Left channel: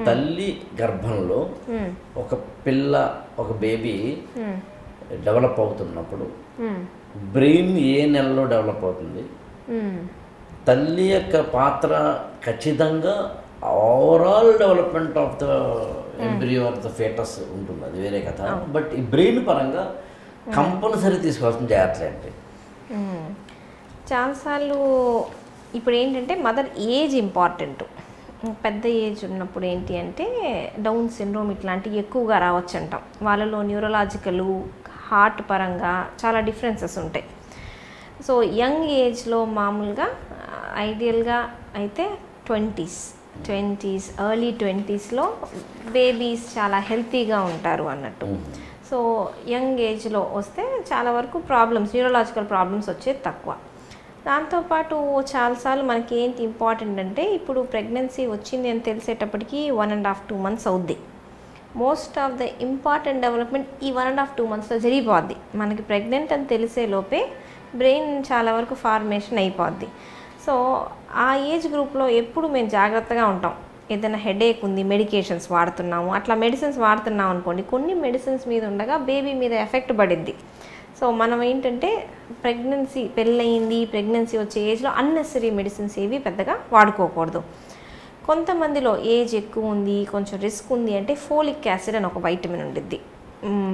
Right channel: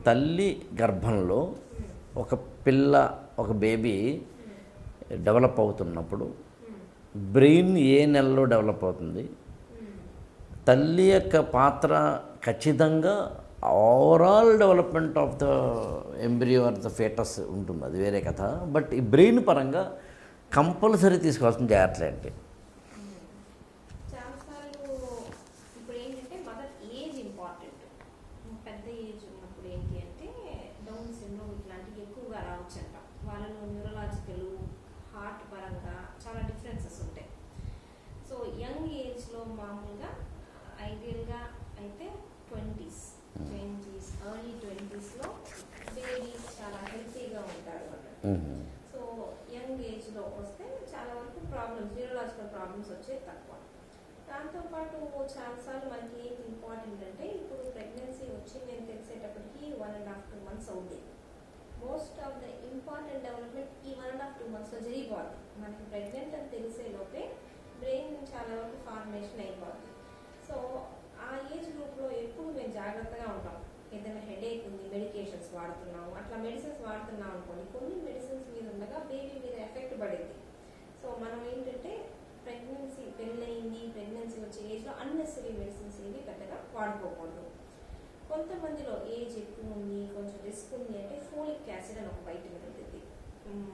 తల్లి గర్భంలో ఒక పిల్ల ఒక బేబీ డెవలప్ అవుతున్నప్పుడు బ్రెయిన్ ఏ నెలలో డెవలప్ అవుతుంది, తల్లి యొక్క పాత్ర ఖచ్చితంగా overall development of the embryo or the foetus ఉంటుంది, అది వేరే కథ. బట్ ఈ బ్రెయిన్ పరంగా కంపల్సరీ తీసుకోవాల్సిన జాగ్రత్తలు ఏంటి? చాలాసార్లు ఇప్పుడు ఏంటంటే మదర్ ఏజ్ ఇంపార్టెంట్. పెద్ద ఏజ్ ఉన్నప్పుడు ఏంటి అంటే డౌన్ సిండ్రోమ్ ఇట్లాంటివి ఎక్కువగా రావచ్చు అంటాం. వాళ్ళలో న్యూరలాజికల్, హార్ట్ పరంగా చాలా డిఫరెన్సెస్ ఉంటాయి. సో యంగ్ ఏజ్లో మామూలుగా ఐడియల్గా అయితే ట్వంటీస్ ఎర్లీ 20స్లో బేబీస్ చాలా హెల్తీగా ఉంటారు అన్నట్టు. సో యంగ్ ఏజ్లో వస్తే చాలా వరకు ప్రాబ్లమ్స్, న్యూరలాజికల్ ప్రాబ్లమ్స్ వచ్చేది తక్కువ. దాంతోపాటు చాలాసార్లు మనకి ఏంటి ఇంపార్టెంట్ అంటే ఇప్పుడు ప్రెగ్నెన్సీ వచ్చింది అని తెలిసేటప్పటికి 1.5-2 months అవుద్ది. Most of the important development ఈ 1.5-2 monthsలో జరిగిపోద్ది. మనకి ప్రెగ్నెంట్ అని తెలిసే లోపే బ్రెయిన్ చాలా వరకు ఫార్మేషన్ అయిపోద్ది. సో ఆ ఏజ్ గ్రూప్లో ఎప్పుడు మేము జాగ్రత్తగా ఉంటాం. ఏదైనా హెడేక్ ఉంది, మెడికేషన్స్ వాడుతున్నాము, అట్లా మెడిసిన్స్ వాడుతున్నాం అనుకోండి, కొన్ని మెడిసిన్స్ మీద ఉండగా బేబీ మీద ఎఫెక్ట్ పడిద్ది. సో మనం ఏంటంటే పెళ్ళయింది, ప్రెగ్నెన్సీ వచ్చే ఏజ్లో అన్నెసరీ మెడిసిన్స్ ఏవి పెద్దగా వాడుకోకూడదు. కొంతమందిలో ఏజ్ ఎక్కువ ఉంది, కొంచెం రిస్క్ ఉంది అంటే ఫోలిక్ యాసిడ్ అని ఒక వైటమిన్ ఉండిద్ది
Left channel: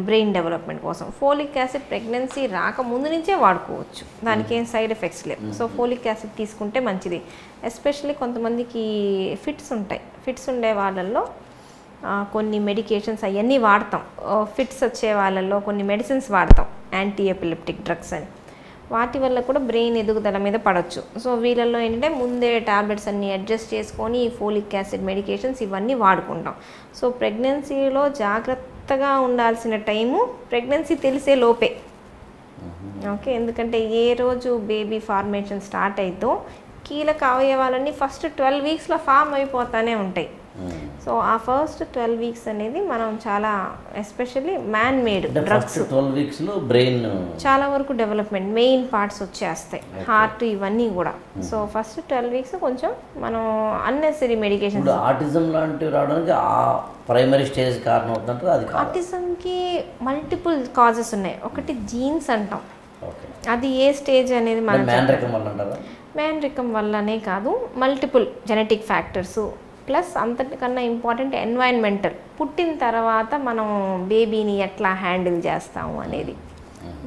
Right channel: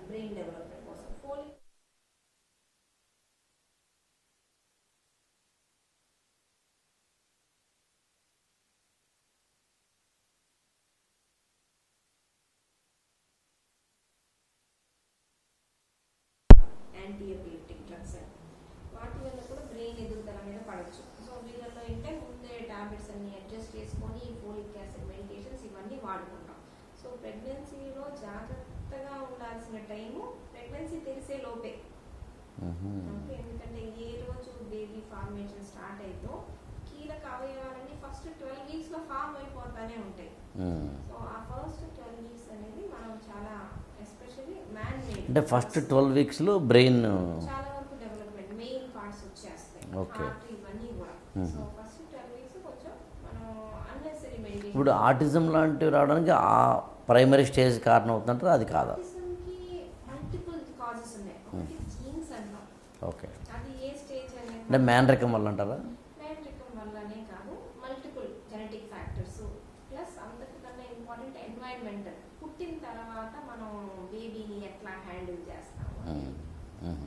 బ్రెయిన్ డెవలప్మెంట్ కోసం. ఫోలిక్ యాసిడ్ ప్రెగ్నెన్సీ రాకముందు నుంచే వాడుకోవచ్చు, దానికి ఏం సైడ్ ఎఫెక్ట్స్ లేవు. సో ఫోలిక్ యాసిడ్ తీసుకుంటే మంచిది. ఎస్పెషల్లీ కొంతమందికి ఫిట్స్ ఉండే వాళ్ళల్లో కొన్ని మెడికేషన్స్ అవన్నీ వాడతాం. ఫిట్స్ వచ్చే వాళ్ళల్లో కొన్ని మెడిసిన్స్ వాడతాం, యాంటీ ఎపిలెప్టిక్ డ్రగ్స్ అని. వాటి వల్ల కూడా బ్రెయిన్ ఎదుగుదల మీద పడవచ్చు. సో వీళ్ళల్లో ఏంటంటే ముందే టాబ్లెట్స్ అన్నీ అడ్జస్ట్ చేసుకొని ఫోలిక్ యాసిడ్ మెడికేషన్స్ ఇవన్నీ వాడుకుంటాం. సో ప్రెగ్నెన్సీలో జాగ్రత్తగా ఉండాల్సిన టైము ప్రెగ్నెన్సీ తెలిసే లోపే. ఓకే, ఎందుకంటే ఏ రోజు బేబీ ఫార్మేషన్ స్టార్ట్ అయితో కీలక అవయవాలన్నీ ఫస్ట్ 12 weeksలో ఫామ్ అయిపోతానే ఉంటాయి. సో ఆ ఫస్ట్ 12 weeks అనేది మనం చాలా ఎస్పెషల్లీ మ్యాన్ మేడ్ ఫస్ట్ 12 weeksలో బ్రెయిన్ చాలా వరకు డెవలప్మెంట్ మెయిన్ పార్ట్స్ వచ్చేస్తాయి, హార్ట్ ఇవన్నీ కూడా. సో ఫస్ట్ 12 weeks కొంచెం మనం అన్నెసరీ మెడికేషన్. ఇప్పుడు ఆటిజం లాంటివి రావడానికి ఆ ప్రైమరీ స్టేజ్ కారణం అవుతుందంటారా? అది కాదు, ఆటిజంకి మల్టిపుల్ కాజెస్ ఉన్నాయి. ఒకటి జీన్స్ అంటాం, ఓకే, అది ఏ స్టేజ్ అనేది మ్యాన్రికం వల్ల అంటారా? మ్యాన్రికం వల్లనే కాదు, మల్టిపుల్ జెనెటిక్ ఫ్యాక్టర్స్ ప్లస్ అంతటికన్నా ఇంపార్టెంట్ ఎన్వైరన్మెంటల్. పుట్టిన తర్వాత మనం బేబీని ఎట్లా హ్యాండిల్ చేస్తాము అనేది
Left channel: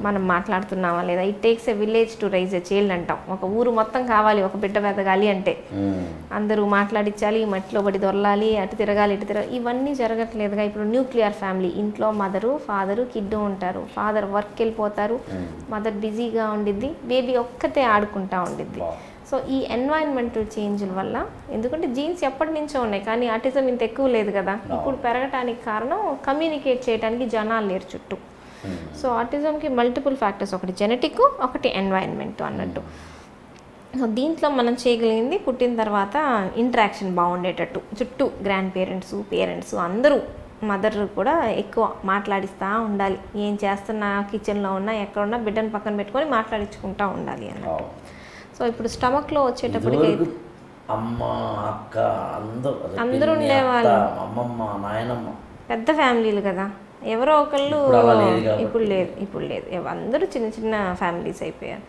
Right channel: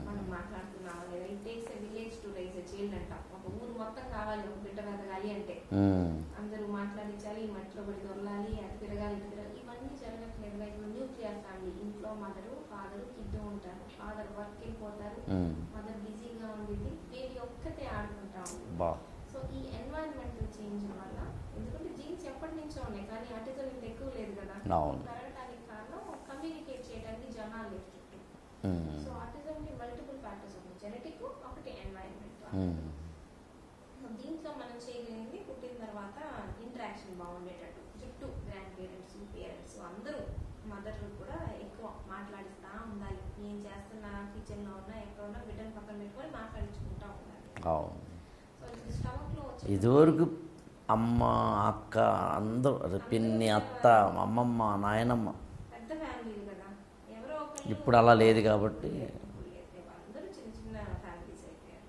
మనం మాట్లాడుతున్నామా లేదా. It takes a village to rise a child అంటాం. ఒక ఊరు మొత్తం కావాలి ఒక బిడ్డ ఎదగాలి అంటే. అందరూ మాట్లాడించాలి, మట్టిలో పడి దొరలాలి, అటు తిరగాలి ఇటు తిరగాలి, ఇవన్నీ జరగట్లేదుగా. ఇప్పుడు న్యూక్లియర్ ఫ్యామిలీ, ఇంట్లో మదరు ఫాదరు కిడ్డు ఉంటారు. ఫాదర్ వర్క్ వెళ్ళిపోతారు, మదర్ బిజీగా ఉండిద్ది, బేబీ ఒక్కతే ఆడుకుంటా ఉండిద్ది. సో ఈ ఎన్వైరన్మెంటల్ చేంజ్ల వల్ల, ఎందుకంటే జీన్స్ ఎప్పటి నుంచో ఉన్నాయి కానీ ఆటిజం ఇంత ఎక్కువ లేదు కదా, ఇప్పుడు పెరగటానికి కారణం కమ్యూనికేట్ చేయడానికి జనాలు లేరు చుట్టూ. సో ఆటిజంకి మల్టిపుల్ ఫ్యాక్టర్స్, ఒకటి జెనెటిక్, ఒకటి ఎన్వైరన్మెంట్ అన్నట్టు. సో దీంట్లో మనం చేయగలిగింది పుట్టిన తర్వాత ఇంటరాక్షన్ బాగుండేటట్టు, చుట్టూ గ్రాండ్ పేరెంట్స్ అందరూ, మదర్ కూడా ఎక్కువ మాట్లాడిస్తూ ఉండాలి. ఏం చేస్తున్నా, కిచెన్లో ఉన్నా ఎక్కడున్నా బిడ్డను పక్కన పెట్టుకొని మాట్లాడించుకుంటూ ఉండాలి అన్నట్టు. సో ఇప్పుడు స్టమక్లో వచ్చేటప్పుడు అమ్మ, అక్క అందరూ ఉండేవాళ్ళు, అమ్మమ్మ, నాయనమ్మ, పెద్ద ఫ్యామిలీలు కదా. ఎవరో ఒకళ్ళు, ఇప్పుడు లేదు, అందరూ చిన్న చిన్న ఫ్యామిలీస్ అయిపోయారు.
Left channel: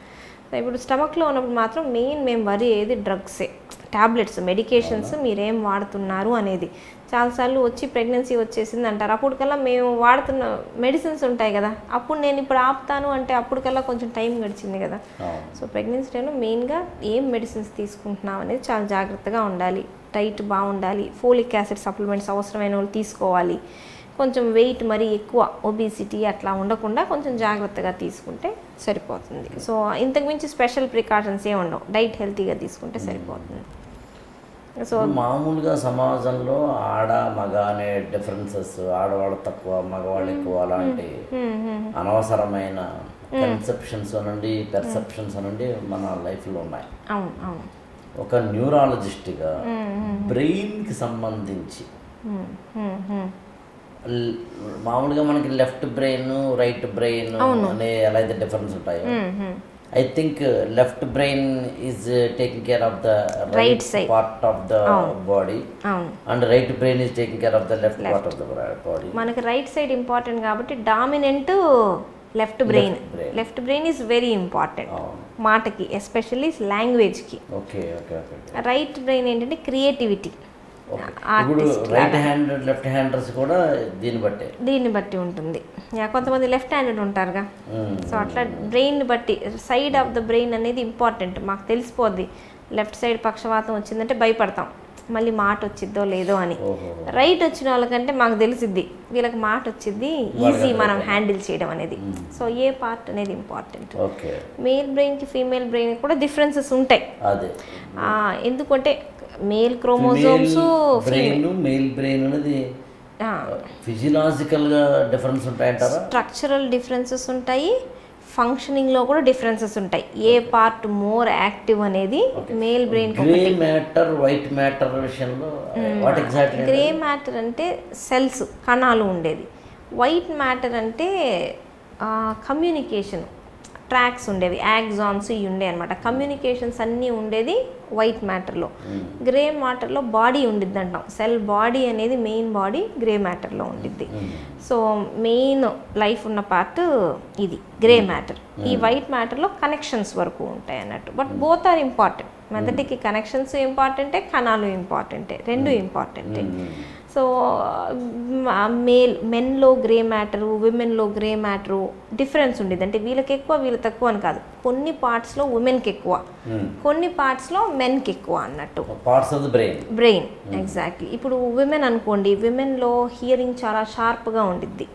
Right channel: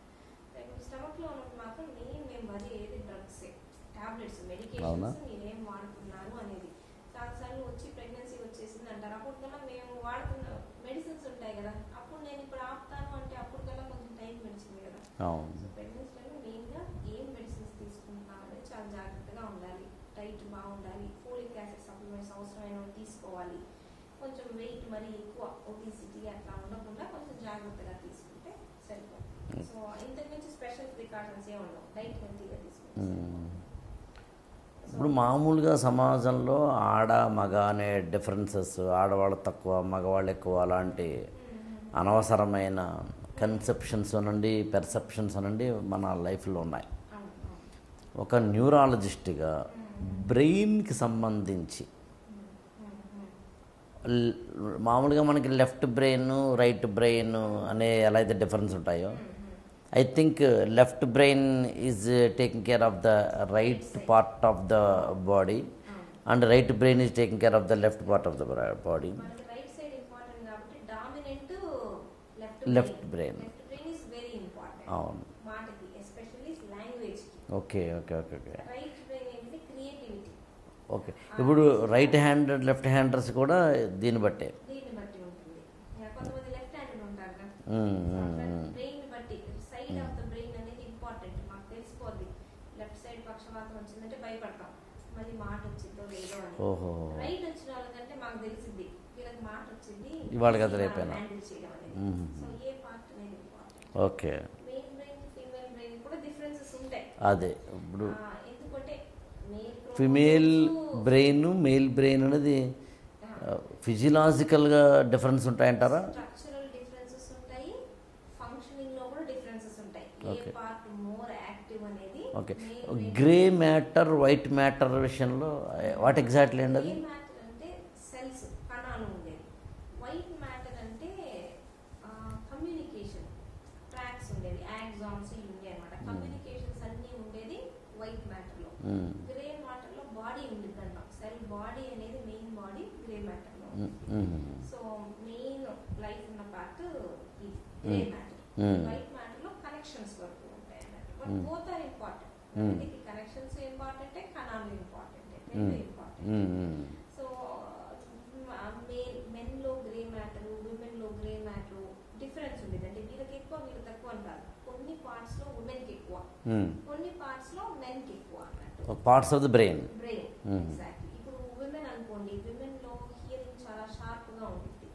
సో ఇప్పుడు స్టమక్లో ఉన్నప్పుడు మాత్రం మేము వరి అయ్యేది డ్రగ్సే, టాబ్లెట్స్, మెడికేషన్స్ మీరేం వాడుతున్నారు అనేది. చాలాసార్లు వచ్చి ప్రెగ్నెన్సీ వచ్చేసింది అంటారు, అప్పటికల్లా మేము వాడుతున్న మెడిసిన్స్ ఉంటాయి కదా, అప్పుడు నేను ఇప్పుడు ఆపుతాను అంటే అప్పటికల్లా కొంచెం టైం గడిచింది కదా. సో ప్రెగ్నెన్సీ టైంలో మెయిన్గా ఏం మెడిసిన్స్ తీసుకుంటున్నాం అనేది చాలా జాగ్రత్తగా ఉండాలి. డైట్ బాగుండాలి, ఫోలిక్ యాసిడ్ సప్లిమెంట్స్ అవసరమైన వాళ్ళు తీసుకోవాలి. కొంచెం వెయిట్ మరీ ఎక్కువ, ఒబిసిటీ అట్లా ఉండకుండా కొంచెం జాగ్రత్తగా తీసుకుంటే సరిపోతుంది. సో ఇంతకుమించి స్పెషల్ ప్రికాషన్స్ ఏమి ఉండవు, డైట్ హెల్తీగా తీసుకుంటే సరిపోతుంది. సో మామూలుగా సమాజంలో ఆడ మగ అనే డిఫరెన్సెస్, ఆడవాళ్ళు తక్కువ మగవాళ్ళు ఎక్కువ అలాంటి అనవసరమైన కన్సెప్షన్స్ నుండి పెర్సెప్షన్స్ నుండి మన లైఫ్లో ఉన్నాయి. ఒక న్యూరాలజిస్ట్గా బ్రెయిన్కి సంబంధించి మామూలుగా మనకి లెఫ్ట్ బ్రెయిన్ రైట్ బ్రెయిన్ అనే ఎలా అయితే డిఫరెన్స్ ఉంటాయో I think left brain is taking care of the right side. part of the body, అవును, and right brain is taking care of the left part of the body. మనకి right side important కాబట్టి dominant left brain. brain. Left brain is very important అవును. మాటకి, especially లాంగ్వేజ్కి. Okay okay okay okay right brain ఏంటంటే creativity. Okay. ఇప్పుడు right hand left handers కూడా దీన్ని బట్టి ఉంటుంది. కొంతమంది లెఫ్ట్ హ్యాండెడ్ ఉంటారుగా, సో అట్లా బ్రెయిన్ బట్టి సైడ్ ఆఫ్ ద బ్రెయిన్ అనేది ఇంపార్టెంట్. మాకు తెలిసిపోద్ది లెఫ్ట్ సైడ్ పక్షవాతం వచ్చిందంటే భయపడతాం, మళ్ళీ మాట వచ్చిద్దో లేదో అని. రైట్ వచ్చిన వాళ్ళకంటే మాకు తెలిసిద్ది వీళ్ళకి మాట వచ్చింది, ఈజీ మనం హ్యాండిల్ చేయడం అనేది. సో ఏ పార్ట్ అనేది ఇంపార్టెంట్. ఓకే. మేల్ బ్రెయిన్కి ఫీమేల్ బ్రెయిన్ కూడా డిఫరెన్సెస్ ఉంటాయి. అదే ఎందుకంటే male chromosomes brain male brain అనేది ఫిజియలాజికల్గా డిఫరెన్స్ ఉంటాయంటారా? స్ట్రక్చరల్ డిఫరెన్సెస్ ఉంటాయి, ఫంక్షనింగ్లో కూడా డిఫరెన్సెస్ ఉంటాయి. ఏ పార్ట్ మోర్ యాక్టివ్ అనేది male brain. Grey matter white matter విషయంలో వాట్ ఎగ్జాక్ట్లీ? గ్రే మ్యాటర్ అంటే సెల్స్, కణాలు ఉండేది. వైట్ మ్యాటర్ అంటే కమ్యూనికేషన్ ట్రాక్స్ ఉండేవి, యాక్సాన్స్ ఇవి ఉండే అనమాట. కమ్యూనికేషన్స్ అన్నీ ఉండేది వైట్ మ్యాటర్లో. గ్రే మ్యాటర్లో బాడీ ఉండిద్ది అంటాం. సెల్ బాడీ అనేది మెయిన్ బాడీ గ్రే మ్యాటర్లో ఉండిద్ది. సో మెయిన్ లైఫ్ ఉన్న పార్ట్ ఇది గ్రే మ్యాటర్. ఈ వైట్ మ్యాటర్లో కనెక్షన్స్ వరకు ఉంటాయి అన్నట్టు. But both are important. మెదడుకి కనెక్షన్స్ ఇంపార్టెంటే, కణాలు ఇంపార్టెంటే, రెండు ఇంపార్టెంటే. సో మెన్లో గ్రే మ్యాటరు, విమెన్లో గ్రే మ్యాటరు డిఫరెన్స్ ఉండేది. అంటే వీళ్ళకి ఎక్కువ వీళ్ళు తక్కువ అని కాదు. కొన్ని పార్ట్స్లో ఉమెన్కి ఎక్కువ, కొన్ని పార్ట్స్లో మెన్కి ఎక్కువ అన్నట్టు. Parts of the brain exactly. ఇప్పుడు విమెన్ అనుకోండి, విమెన్లో హియరింగ్ చాలా షార్ప్గా ఉండిద్ది.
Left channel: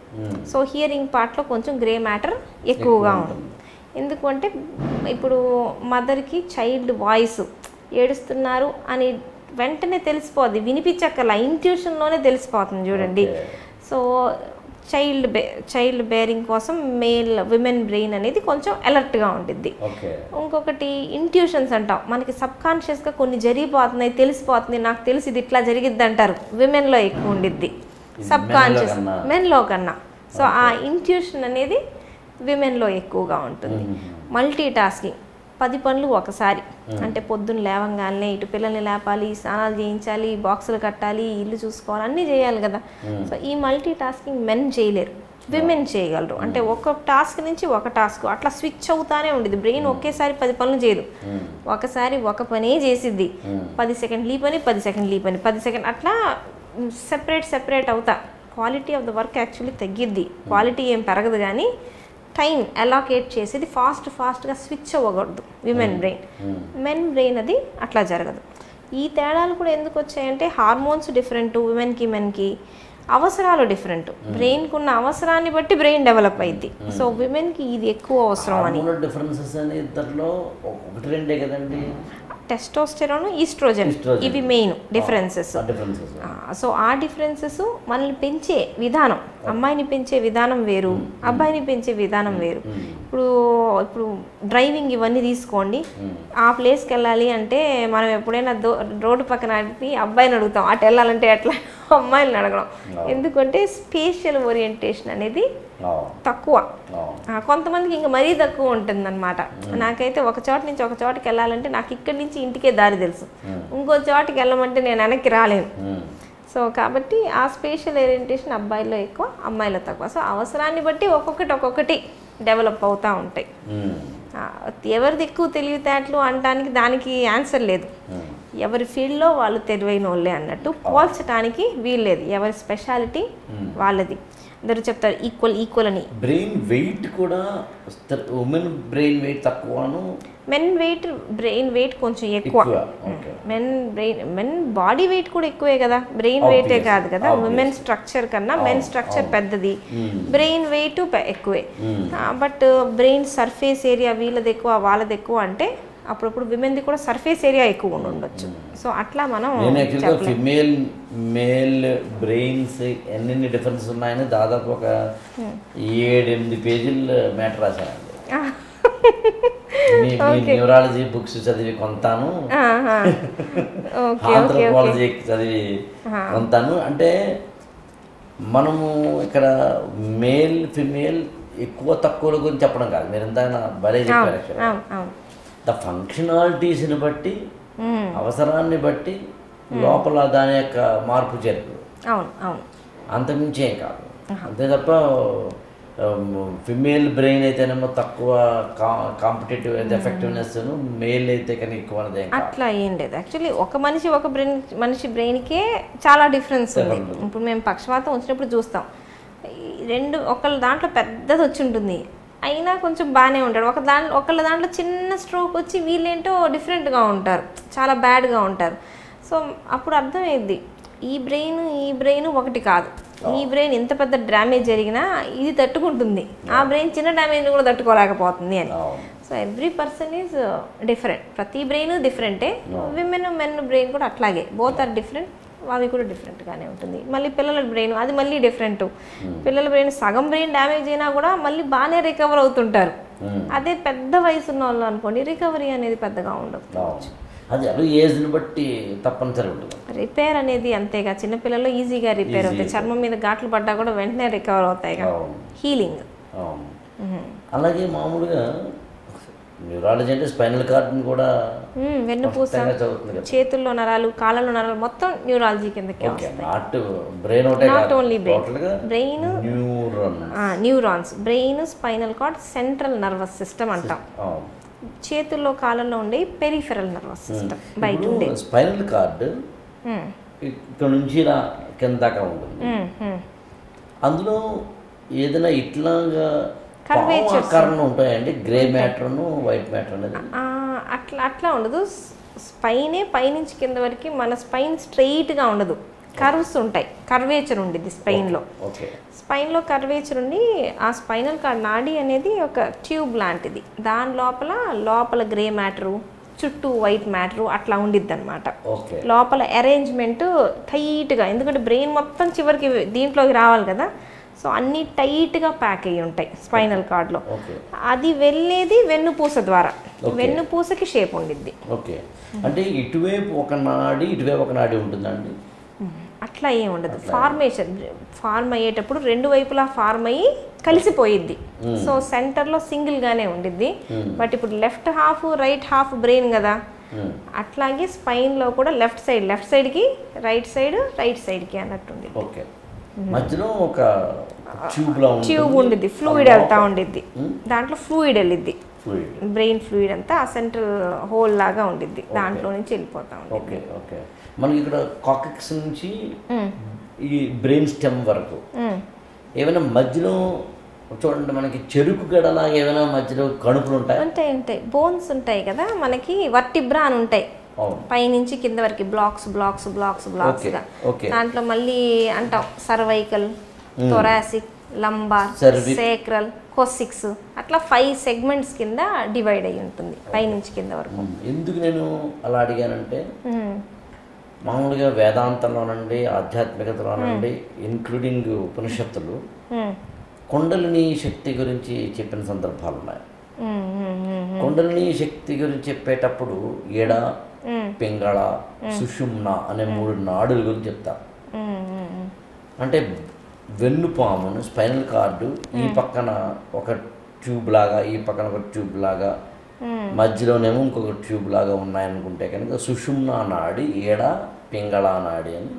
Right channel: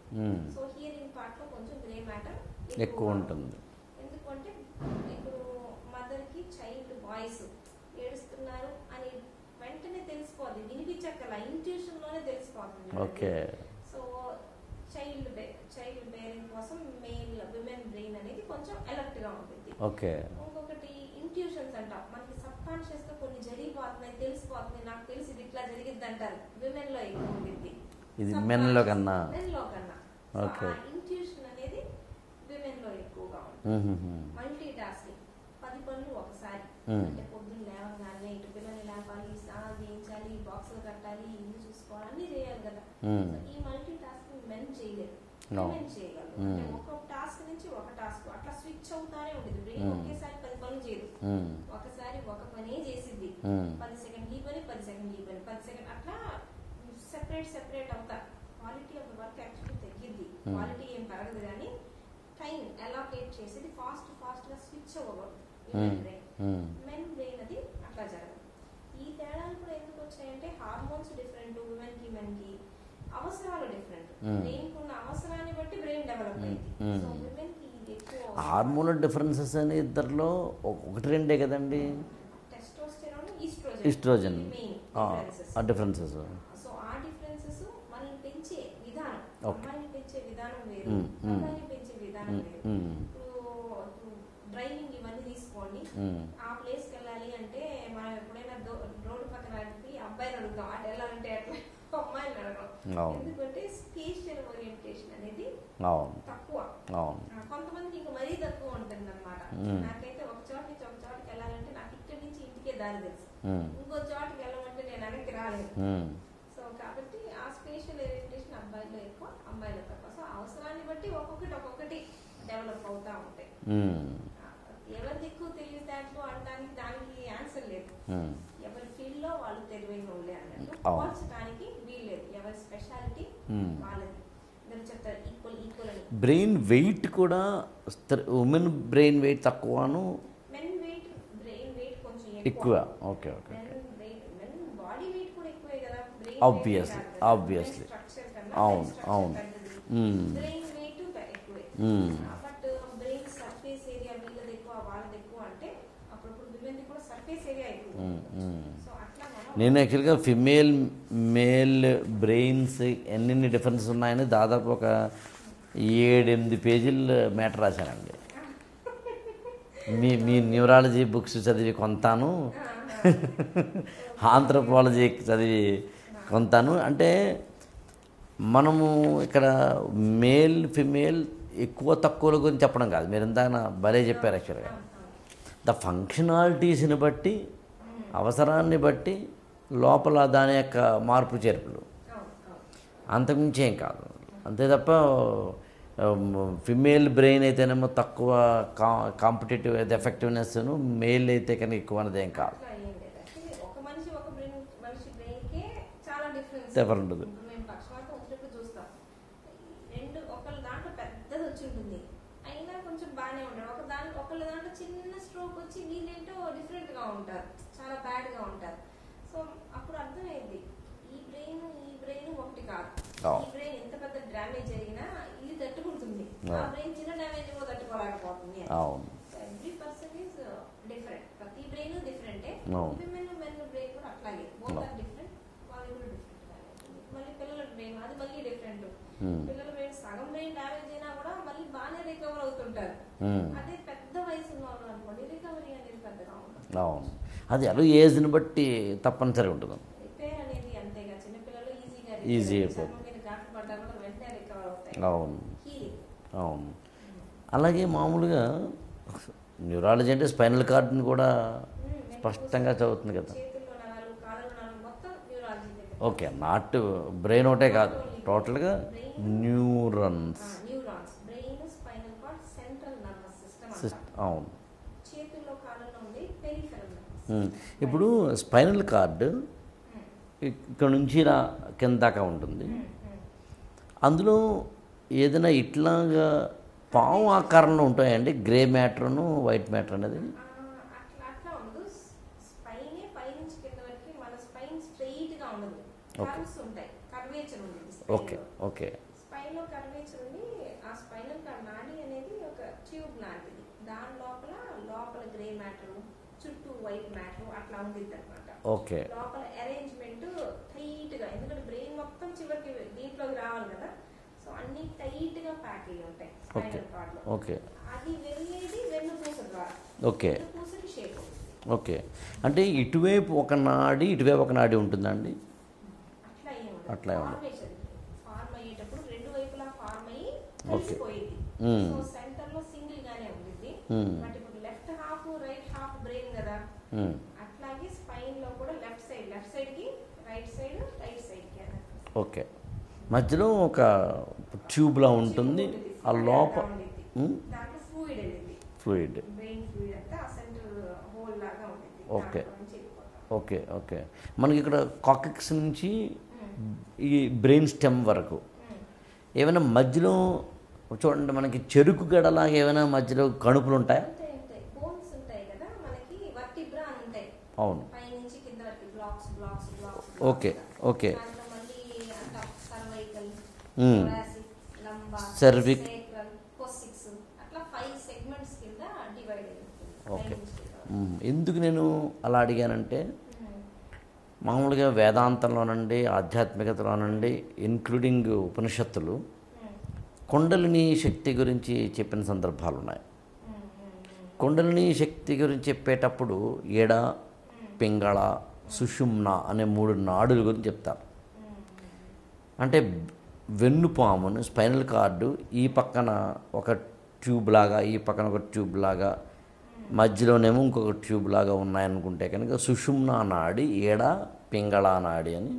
సో హియరింగ్ పార్ట్లో కొంచెం గ్రే మ్యాటర్ ఎక్కువగా ఉంటుంది. ఎందుకంటే ఇప్పుడు మదర్కి చైల్డ్ వాయిస్ ఏడుస్తున్నారు అని వెంటనే తెలిసిపోద్ది, వినిపించక్కర్లా, ఇంట్యూషన్లోనే తెలిసిపోతుంది చూడండి. సో చైల్డ్ బేరింగ్ కోసం విమెన్ బ్రెయిన్ అనేది కొంచెం అలర్ట్గా ఉంటుంది. ఇంకొకటి ఇంట్యూషన్స్ అంటాం. మనకి సబ్కాన్షియస్గా కొన్ని జరిగిపోతున్నాయి, తెలిసిపోతుంది, నాకు తెలిసి ఇది ఇట్లా జరిగిద్ది అంటారు. విమెన్లో ఎక్కువ ఉండిద్ది, సబ్కాన్షియస్ మెన్లో కన్నా. సో ఆ ఇంట్యూషన్ అనేది విమెన్లో ఎక్కువగా ఉంటుంది. మల్టీ టాస్కింగ్, 10 పనులు ఒకసారి. అంటే పొద్దున్న లేవంగానే ఇటు పిల్లల్ని లేపాలి, స్నానాలు చేయించాలి, బాక్సులు కట్టాలి, ఇల్లు చూసుకోవాలి, అన్నీ చేయాలి కదా. సో ఈ మల్టీ టాస్కింగ్ మెన్ చేయలేరు, విమెన్ చేయగలరు. అంటే ఒక టాస్క్ నుంచి ఒక టాస్క్ అట్లా స్విచ్ అవుతానే ఉండేది. బ్రెయిన్ ఒకేసారి 10 పనులు చేయదు, ఒకసారి ఒక పనే చేసిద్ది. 10 సెకండ్లు ఈ పని, 10 సెకండ్లు ఈ పని, 10 సెకండ్ అట్లా సెపరేట్ అవుతా. Quality of the work actually తగ్గిద్ది, క్వాలిటీ ఏం పెరగదు, కానీ టైం అలొకేట్ చేసేది ఫాస్ట్గా స్విచ్ అవ్వకూడదు విమెన్ బ్రెయిన్. మెన్ బ్రెయిన్ అది అట్లా జరగదు. ఈ తేడాలు కూడా ఎందుకు వచ్చాయంటే హార్మోన్స్ డిఫరెంట్, విమెన్కి మెన్కి అవసరాలు డిఫరెంట్. బ్రెయిన్కి ఉన్న అవసరాన్ని బట్టి బ్రెయిన్ డెవలప్ అయింది. సో విమెన్కి ఇది ఎక్కువ అవసరం అని. డిఫరెన్సెస్ అని ఇద్దరిలో 1-2 కదండి. టెస్టోస్టెరాన్, ఈస్ట్రోజన్, ఇవి మెయిన్ డిఫరెన్సెస్. సో ఆ డిఫరెన్సెస్ మనల్ని పెంచే విధానం, అమ్మాయిని పెంచే విధానం వేరు, అబ్బాయిని పెంచే విధానం వేరు. ఇప్పుడు డ్రైవింగ్ ఇవన్నీ తీసుకోండి. ఆ ప్లేస్కి వెళ్ళాలి అంటే మనం ఎప్పుడైనా రోడ్డు పక్కన అబ్బాయిని అడుగుతాం, అటు వెళ్ళాలంటే ఎట్లా అమ్మాయిని అడగడం. ఎందుకంటే స్పేషియల్ ఓరియంటేషన్ అనేది తక్కువ. కొంతమందికి ఇంకా మరీ తక్కువ ఉంటుంది అనమాట. నాకైతే ఒక చోట నుంచి ఒక చోటకి వెళ్ళాలంటే నాకు ఇక్కడి నుంచి ఇంటికే దారి తెలుసు, ఇంకో చోటకి వెళ్ళమంటే నేను వెనక్కి రాలేను. సో కాబట్టి ఆ స్పేషియల్ ఓరియంటేషన్ అబ్బాయిలో ఎక్కువ, అమ్మాయిలో తక్కువ. సో అవసరాన్ని బట్టి ఒక్కొక్కటి డెవలప్ అవుతూ ఉంటాయి. ఎవరిది ఎక్కువ తెలివితేటలు అనడానికి దానికి ఆన్సర్ లేదు. ఎవరి ఫీల్డ్లో వాళ్ళు తెలివైన వాళ్ళే అన్నట్టు పోల్చడానికి వీల్లేదు. ఎవరి స్పెషాలిటీ వాళ్ళది. అందరూ చెప్తారు ఈక్వల్ అని. బ్రెయిన్ వెయిట్ కూడా ఉమెన్ బ్రెయిన్ వెయిట్ తక్కువను, బ్రెయిన్ వెయిట్ కొంచెం ఎక్కువ. మెన్ బాడీ వెయిట్ కూడా ఎక్కువే కదా, బ్రెయిన్ వెయిటే కాదు కదా. ఉమెన్ స్ట్రక్చర్ కన్నా మెన్ స్ట్రక్చర్ పెద్దది, బ్రెయిన్ వెయిట్ ఎక్కువే. బట్ బ్రెయిన్ సర్ఫేస్ ఏరియా వీళ్ళది ఎక్కువ వాళ్ళది ఎక్కువ అంటే అప్పుడప్పుడు విమెన్ది కూడా సర్ఫేస్ ఏరియా ఎక్కువ ఉండొచ్చు. సో అట్లా మనం యాక్చువల్గా ఫిమేల్ మేల్ బ్రెయిన్స్ ఎన్ని డిఫరెన్స్ ఉన్నాయని దాదాపు ఒక 7-8 పేజీలు మ్యాటర్ రాశానండి. మీ న్యూరాలజీ బుక్స్ చదివి కొంతాను, ఆంథ్రోపాలజీ చదివి కొంతాను. అంటే మనము ఇక్కడ మేల్ ఫిమేల్ ఎక్కువ తక్కువల గురించి చెప్పడం కాదు, మీరు ఇందాక భలే చెప్పారు యాక్చువల్గా. ద ఫంక్షనాలిటీస్ని బట్టి, అవసరాన్ని బట్టి లోపల దాని యొక్క మార్పు చేర్పులు, అంతకుమించి ఏం కాదు. అంతే తప్ప ఫిమేల్ బ్రెయిన్ అయితేనేమో తక్కువ కాంపిటేటివ్ ఎఫెక్టివ్నెస్, మేల్ అయితే కానీ ఎక్కువ అనేది ఏం కాదు. అట్లా ఏం లేదు. యాక్చువల్లీ ఒక మనిషి బ్రెయిన్కే చాలా డిఫరెన్స్. ఇప్పుడు మేము పక్షవాతం వచ్చినప్పుడు చూస్తాం, ఒకళ్ళ దాంట్లో పెద్దది వచ్చి ఉంటుంది, అయినా కొంచెం బాగానే ఉంటాడు. ఒకళ్ళ దాంట్లో చిన్న స్ట్రోక్ వచ్చి వీళ్ళేంటో డిఫరెంట్గా ఉంటారు, చాలా బ్యాడ్గా ఉంటారు. సో అప్పుడు అర్థమైంది ఈ బ్రెయిన్ ఒకటి కాదు. ఈ బ్రెయిన్ ఎంత పెద్ద డ్యామేజ్ జరిగినా ఇది తట్టుకుంటుంది, ఆ బ్రెయిన్ చిన్న డ్యామేజ్ కూడా తట్టుకోలేకపోతుంది అని. So every person is different, ప్రతి బ్రెయిన్ డిఫరెంటే. మెన్ బ్రెయిన్ కూడా అట్లాగే, బోత్ ఆర్ డిఫరెంట్. అవి కూడా డిఫరెంట్గానే ఉంటుంది. మళ్ళీ పిల్లల బ్రెయిన్ అది మళ్ళీ డిఫరెంట్. పిల్లల బ్రెయిన్ సగం బ్రెయిన్ డ్యామేజ్ అయినా కూడా మళ్ళీ బాగానే రికవర్ అవుతుంటారు. అదే పెద్ద వయసు ఉన్న వాళ్ళు అనుకోండి, రికవరీ అనేది పెద్దగా ఉండదు. అది అలా ఏజ్ని బట్టి తప్పనిసరి ఉంటుంది. రిపేర్ అనేది అంతేగా, చిన్నపిల్లలు ఈజీగా రిపేర్ అవుతాయి, చర్మం మీద ఘాట్లు పడ్డా కూడా వెంటనే రికవర్ అవుతాయి, హీలింగ్. అలాగే మామూలుగా న్యూరాలజీ అంటే స్పైనల్ కార్డ్ని కూడా వెన్నుపూస, చేతుల్లో నరాలు, కాళ్ళలో నరాలు మొత్తం న్యూరాలజీ కిందకి. ఓకే, నాట్ బ్రెయిన్ ఒకటే కాదు, టోటల్గా brain, neurons, brain, spinal cord, central nervous system అంటాం. చేతుల్లో కాళ్ళలో ఉండే పెరిఫెరల్ నర్వస్ సిస్టమ్. ఇప్పుడు స్పైనల్ కార్డ్ ఇక్కడ నుంచి ఇలా కింద దాకా ఉంటుంది, అందులో ఏదైనా ఇట్లాగా పాము ఆకారంలో ఉంటాయండి, గ్రే మ్యాటర్ను వైట్ మ్యాటర్ అనేది? అట్లా ఉండదు. స్పైనే పైనుంచి కింద వరకు మన స్పైన్ స్ట్రెయిట్గా ఉండదు, కర్వ్స్ ఉంటాయి, కర్వేచర్ ఉండిద్ది స్పైన్లో. ఓకే, స్పైన్లో కర్వేచర్ ఉండి ఆ స్పైనల్ కార్డ్ నాడి అనేది ఒక ట్యూబ్ లాంటిది, దాని లోపల గ్రే మ్యాటరు, చుట్టూ వైట్ మ్యాటరు అట్లా ఉండిద్ది అనమాట. లోపల అరేంజ్మెంట్ టైట్గా, ఎందుకంటే బ్రెయిన్ మొత్తం చివరికి దీంట్లోకి రావాలి కదా, సో అన్నీ టైట్గా ప్యాక్ అయ్యి ఉంటాయి స్పైనల్ కార్డ్లో. అది వెళ్ళేది వెన్నుపూస ద్వారా, వెన్నుపూసకి షేప్ ఉండిద్ది. ఓకే, అంటే ఇటువైపు ఒక నాడి ఇటువైపు ఒక నాడి ఉంటుందండి? అట్లా ఏం ఉండదు. ఫార్మ్ అయ్యేటప్పుడు రెండు వైపులా ఫార్మ్ అయ్యి కలిసిపోయిద్ది. సో సెంటర్లో సింగిల్గానే ఉండిద్ది. బట్ ఇప్పుడు left half right half brain కదా, అట్లాగే స్పైన్లో కూడా లెఫ్ట్ సైడ్కి రైట్ సైడ్కి అన్నట్టుంది. ఓకే, మధ్యలో ఒక ట్యూబ్ ఉండిద్ది, ఫ్లూయిడ్ వెళ్తా ఉండిద్ది, దాంట్లో ఫ్లూయిడ్ వెళ్ళిద్ది, బ్రెయిన్ ఫ్లూయిడ్ అంతా ఆ సెంట్రల్ హోల్ లాగా ఉండిద్ది, దాంట్లో నుంచి వెళ్ళిపోతా ఉంది. ఓకే ఓకే, మనకి ఇక్కడ కాక్సిక్స్ నుంచి ఈ బ్రెయిన్ స్టెమ్ వరకు ఏమైనా మధ్యలో చూడండి, మనకి చెరుకు గడలాగా ఏమైనా మధ్యలో కణుపులు ఉంటాయి? ఉంటాయి, బోన్స్ ఉంటాయి కదా మనకి, వర్టిబ్రా అని ఉంటాయి పైనుంచి కింద వరకు, బ్లాక్స్ దాంట్లో మళ్ళీ అంటాం సర్వైకల్, థొరాసిక్, లంబార్, సేక్రల్, కోసిక్స్, అట్లా 5 సెగ్మెంట్స్ కింద డివైడ్ అయ్యి ఉంటుంది పైనుంచి కింద వరకు. ఎందుకు నేను అలా అడిగానంటే, మామూలుగా వేదాంతంలోనండి, ఆధ్యాత్మికతలోనండి, ఇంక్లూడింగ్ ఉపనిషత్తులు కుండలిని శక్తి గురించి చెప్పిన సందర్భాలు ఉన్నాయి. కుండలిని శక్తి గురించి చెప్పేటప్పుడు ఎడ, పింగళ, సుషుమ్న అనే 3 నాడుల గురించి చెప్తారు. అంటే వెన్నుపామును, స్పైనల్ కార్డు ఈ పక్కన ఒక ట్యూబ్ లాగా, ఈ పక్కన ఒక ట్యూబ్ లాగా, మధ్యలోనేమో ఇంకొక ట్యూబ్ లాగా ఉన్నాయనుకుంటే కనుక సుషుమ్న నాడి, ఎడ, పింగళ నాడి అని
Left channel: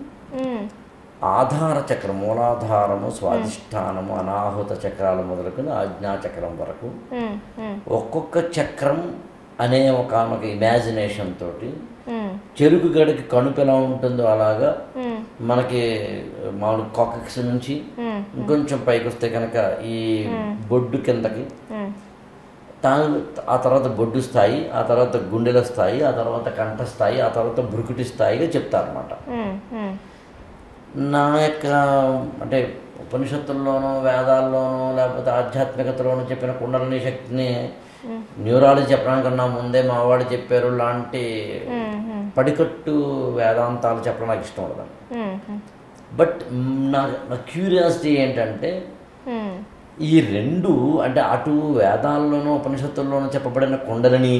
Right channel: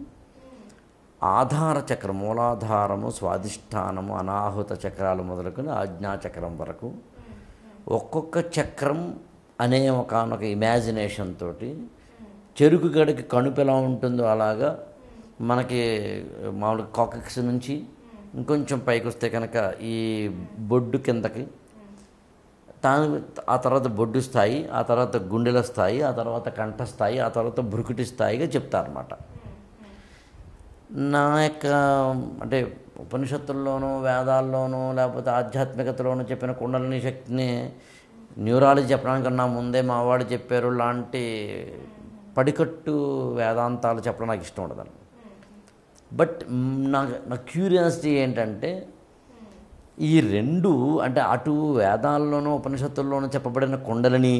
ఆధార చక్రం, మూలాధారము, స్వాధిష్టానము, అనాహుత చక్రాలు మొదలుకొని ఆజ్ఞాచక్రం వరకు ఒక్కొక్క చక్రం అనే ఒకనొక ఇమాజినేషన్ తోటి చెరుకు గడికి కణుపు ఎలా ఉంటుందో అలాగా మనకి మామూలు కాక్సిక్స్ నుంచి ఇంకొంచెం పైకి వస్తే కనుక ఈ బొడ్డు కిందకి, ఆ తర్వాత బొడ్డు స్థాయి, ఆ తర్వాత గుండెల స్థాయి, ఆ తర్వాత కంఠ స్థాయి, ఆ తర్వాత భృకుటి స్థాయిగా చెప్తారన్నమాట. నా యొక్క అంటే ఉపనిషత్తుల్లోనూ వేదాల్లోనూ లేకపోతే ఆధ్యాత్మికతలోనూ చెప్పిన కుండలిని శక్తిని న్యూరాలజీ చెప్పడానికన్నా ముందే మా వాళ్ళు చెప్పారు లాంటి పడికట్టు వేదాంతాలు చెప్పడం నాకు ఇష్టం ఉండదండి. బట్ నా క్యూరియాసిటీ ఏంటంటే, ఈ రెండు అంటే అటు వేదాల్లోనూ ఉపనిషత్తుల్లోనూ చెప్పబడిన కుండలిని,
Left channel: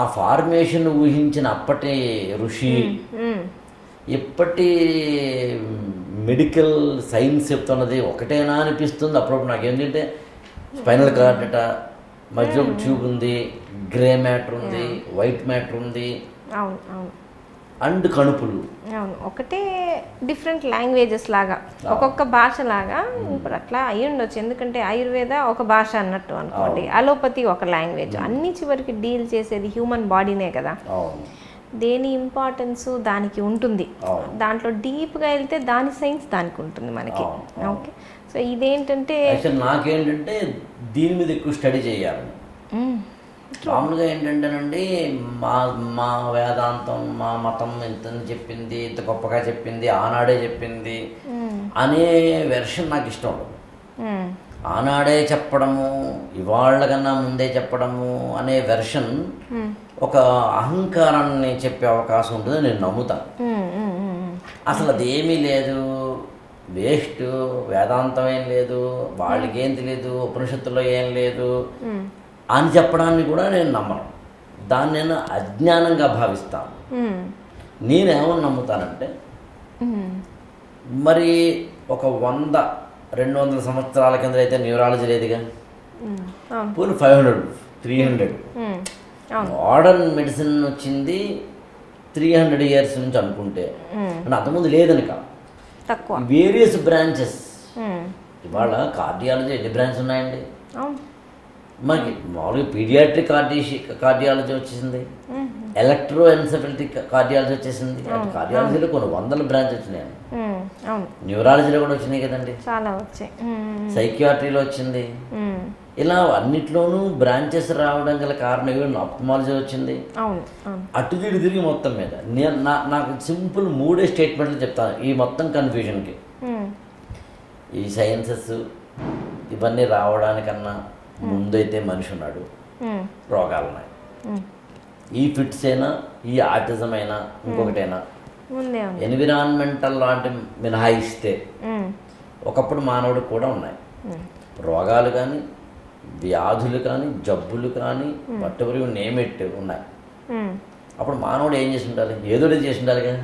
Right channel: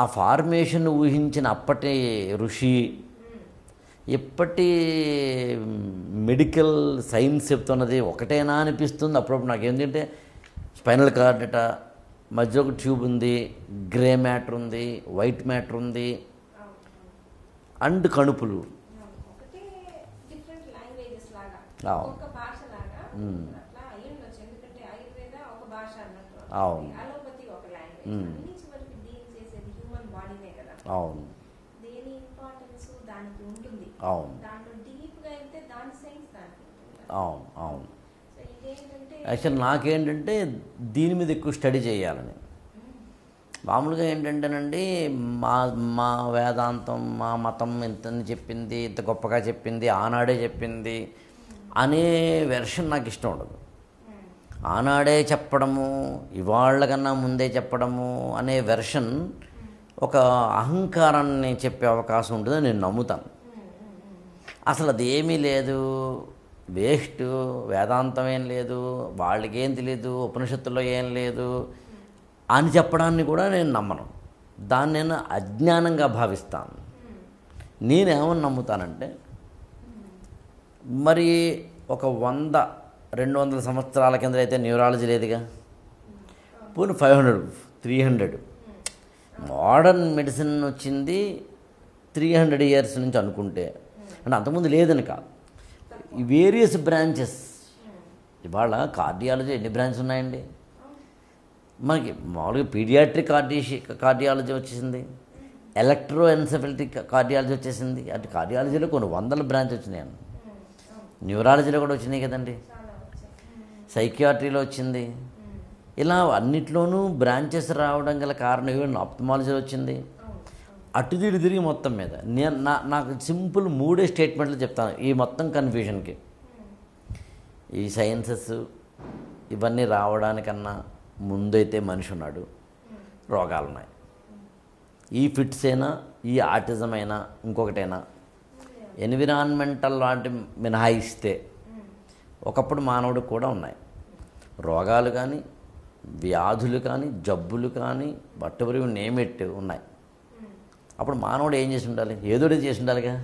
ఆ ఫార్మేషన్ ఊహించిన అప్పటి ఋషి, ఇప్పటి మెడికల్ సైన్స్ చెప్తున్నది ఒకటేనా అనిపిస్తుంది అప్పుడప్పుడు నాకు. ఏంటంటే స్పైనల్ కార్డ్ అట, మధ్యలో ఒక ట్యూబ్ ఉంది, గ్రే మ్యాటర్ ఉంది, వైట్ మ్యాటర్ ఉంది, అవును అవును అండ్ కణుపులు. అవును, ఒకటే డిఫరెంట్ లాంగ్వేజెస్ లాగా, ఒక్కొక్క భాష లాగా. ఇప్పుడు అట్లా అయ్యి ఉండొచ్చు, ఎందుకంటే ఆయుర్వేద ఒక భాష అన్నట్టు అనుకోండి, అలోపతి ఒక లాంగ్వేజ్. అన్ని చివరికి డీల్ చేసేది హ్యూమన్ బాడీనే కదా. అవును, దేని ఇంపార్టెన్స్ దానికి ఉంటుంది. దాంట్లో డీప్గా వెళ్తే దాని సైన్స్ దానికి ఉంటుంది మనకి. ఓకే, సో ఇదేంటంటే యాక్చువల్ నాకేంటంటే దీని మీద ఎక్కువ స్టడీ చేయాలని. మామూలుగా ఏంటంటేనండి, మా వేదాంతం, మా మతం ఇంత చెప్పింది, ఇంత గొప్పగా చెప్పింది, ఆనాడే చెప్పింది అనే వెర్షన్ నాకు ఇష్టం ఉండదు. ఆనాడే చెప్పడము, ఇవాళ్ళ కన్నా ముందే చెప్పడము అనే వెర్షన్ ఒక అహంకారాన్ని చెప్పే అవకాశం ఉంటుందని నేను నమ్ముతాను. అసలు అది ఏమీ లేదు, వేస్ట్, వేదాంతం ఏం లేదు, వాళ్ళకేం తెలియదు, ఉపనిషత్తుల్లో ఏం లేదు అని చెప్పడాన్ని కూడా నేను నమ్మను. దాన్ని నేను అజ్ఞానంగా భావిస్తాను. నేనేమని నమ్ముతానంటే, మరి ఒక 100-200 సంవత్సరాల కింద అయితే న్యూరాలజీ లేదుగా, పోనీ 500, 300. మోడర్న్ మెడిసిన్ వచ్చింది 300 ఇయర్స్ నుంచి అనుకుంటే, అంటే అంతకుముందు లేదని కాదు, వేరియస్ బ్రాంచెస్. ఇవాళ కార్డియాలజీ ఎన్ని బ్రాంచెస్ ఉన్నాయండి మనకి? మామూలుగా పీడియాట్రిక్ కార్డియాలజీ వచ్చేసింది, ఎలక్ట్రో ఎన్సెఫలిటిక్ కార్డియాలజీ వచ్చేసింది. అంటే కార్డియాలజీలో కొన్ని 100 బ్రాంచ్ వచ్చినాయి. న్యూరాలజీలో కూడా వచ్చినాయి కదండి, చాలా వచ్చాయి. సైకియాట్రీలో వచ్చింది. ఇలా అన్నిట్లోనూ బ్రాంచెస్ రావడం గల కారణం ఈవెన్ ఆప్థమాలజీ వచ్చింది. అటు తిరిగి మొత్తం మీద నాకు సింపుల్ 3 స్టేట్మెంట్లు చెప్తాను ఈ మొత్తం కన్ఫ్యూజన్కి. ఈ సైన్సెస్ ఇవన్నీ రావడానికన్నా ముందైతే మనిషి ఉన్నాడు, రోగాలు ఉన్నాయి. ఈ ఫిట్స్ అయినా, ఈ ఆటిజం అయినా, ఇంకొకటైనా, ఎన్విరాన్మెంటల్ లాంటి మినహాయిస్తే ఒకప్పుడు మానవుడికి కూడా ఉన్నాయి రోగాలు కానీ, వ్యాధులు కానీ, జబ్బులు కానీ, వట్టెవరి నేమెట్ ఉన్నాయి. అప్పుడు మానవుడు ఏం చేసి ఉండాలి? ఏదో చేసి ఉండాలిగా,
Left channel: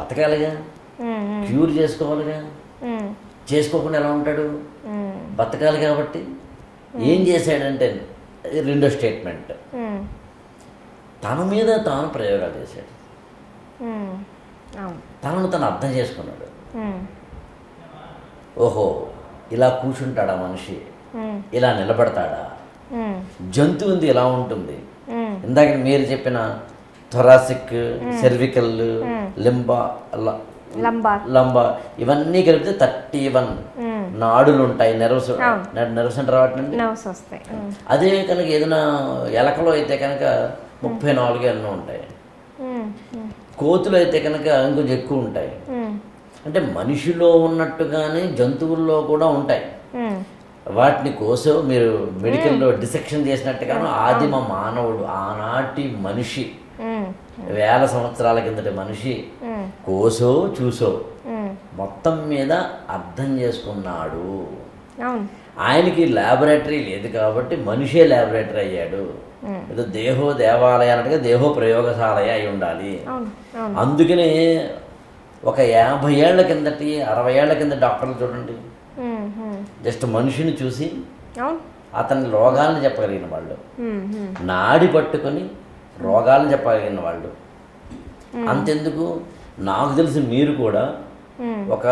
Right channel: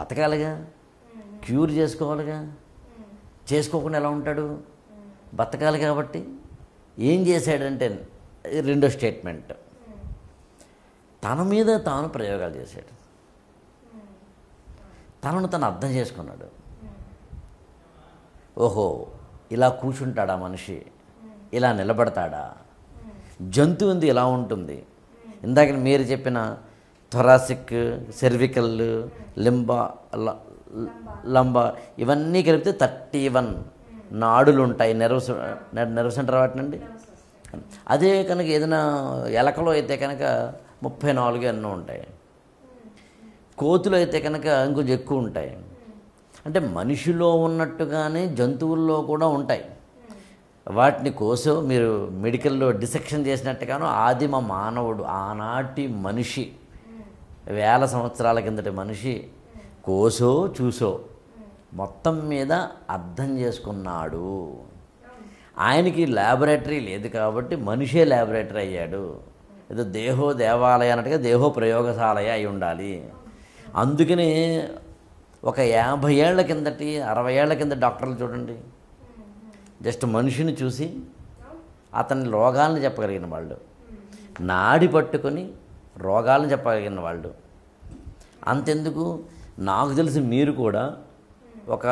బతకాలిగా, క్యూర్ చేసుకోవాలిగా. చేసుకోకుండా ఎలా ఉంటాడు? బతకాలి. కాబట్టి ఏం చేశాడంటే, రెండో స్టేట్మెంట్, తన మీద తాను ప్రయోగాలు చేశాడు. తనను తను అర్థం చేసుకున్నాడు. ఓహో, ఇలా కూర్చుంటాడా మనిషి, ఇలా నిలబడతాడా, జంతువు ఉంది ఇలా ఉంటుంది. ఇందాక మీరు చెప్పిన థొరాసిక్, సెర్వికల్, లంబా ఇవన్నీ కలిపితే 31 నాడులు ఉంటాయి. నెర్వ్ సెంటర్ వాటినండి. అదే కనుక ఏదైనా ఎలకలో అయితే కనుక 34 ఎన్నో ఉంటాయి. కోతులు అయితే కనుక ఇంకొంచెం ఎక్కువ ఉంటాయి. అంటే మనిషిలో ఉన్నట్టుగానే జంతువుల్లో కూడా ఉంటాయి. వాటిని కోసో మీరు మెడికల్లో డిసెక్షన్ చేసినట్టుగాను ఆదిమ మానవుడు, ఆనాటి మనిషి, 1000 సంవత్సరాల కిందటి మనిషి కోసో చూసో మొత్తం మీద అర్థం చేసుకున్నాడు. ఆయనకి ల్యాబొరేటరీ లేదు కాబట్టి మనిషే ల్యాబొరేటరీ అయ్యాడు. ఏదో దేహో దేవాలయ అన్నట్టుగా దేహో ప్రయోగశాలయ అయి ఉండాలి. అందుకనే ఒక 50 ఏళ్ల కిందటి 60 ఏళ్ల కింద డాక్టర్లు చూడండి, జస్ట్ మనిషిని చూసి అతని రోగాలను చెప్పగలిగిన వాళ్ళు, నాడి పట్టుకొని రోగాలను చెప్పగలిగిన వాళ్ళు. అంతెందుకు, నాకు తెలిసి మీరు కూడా ఒక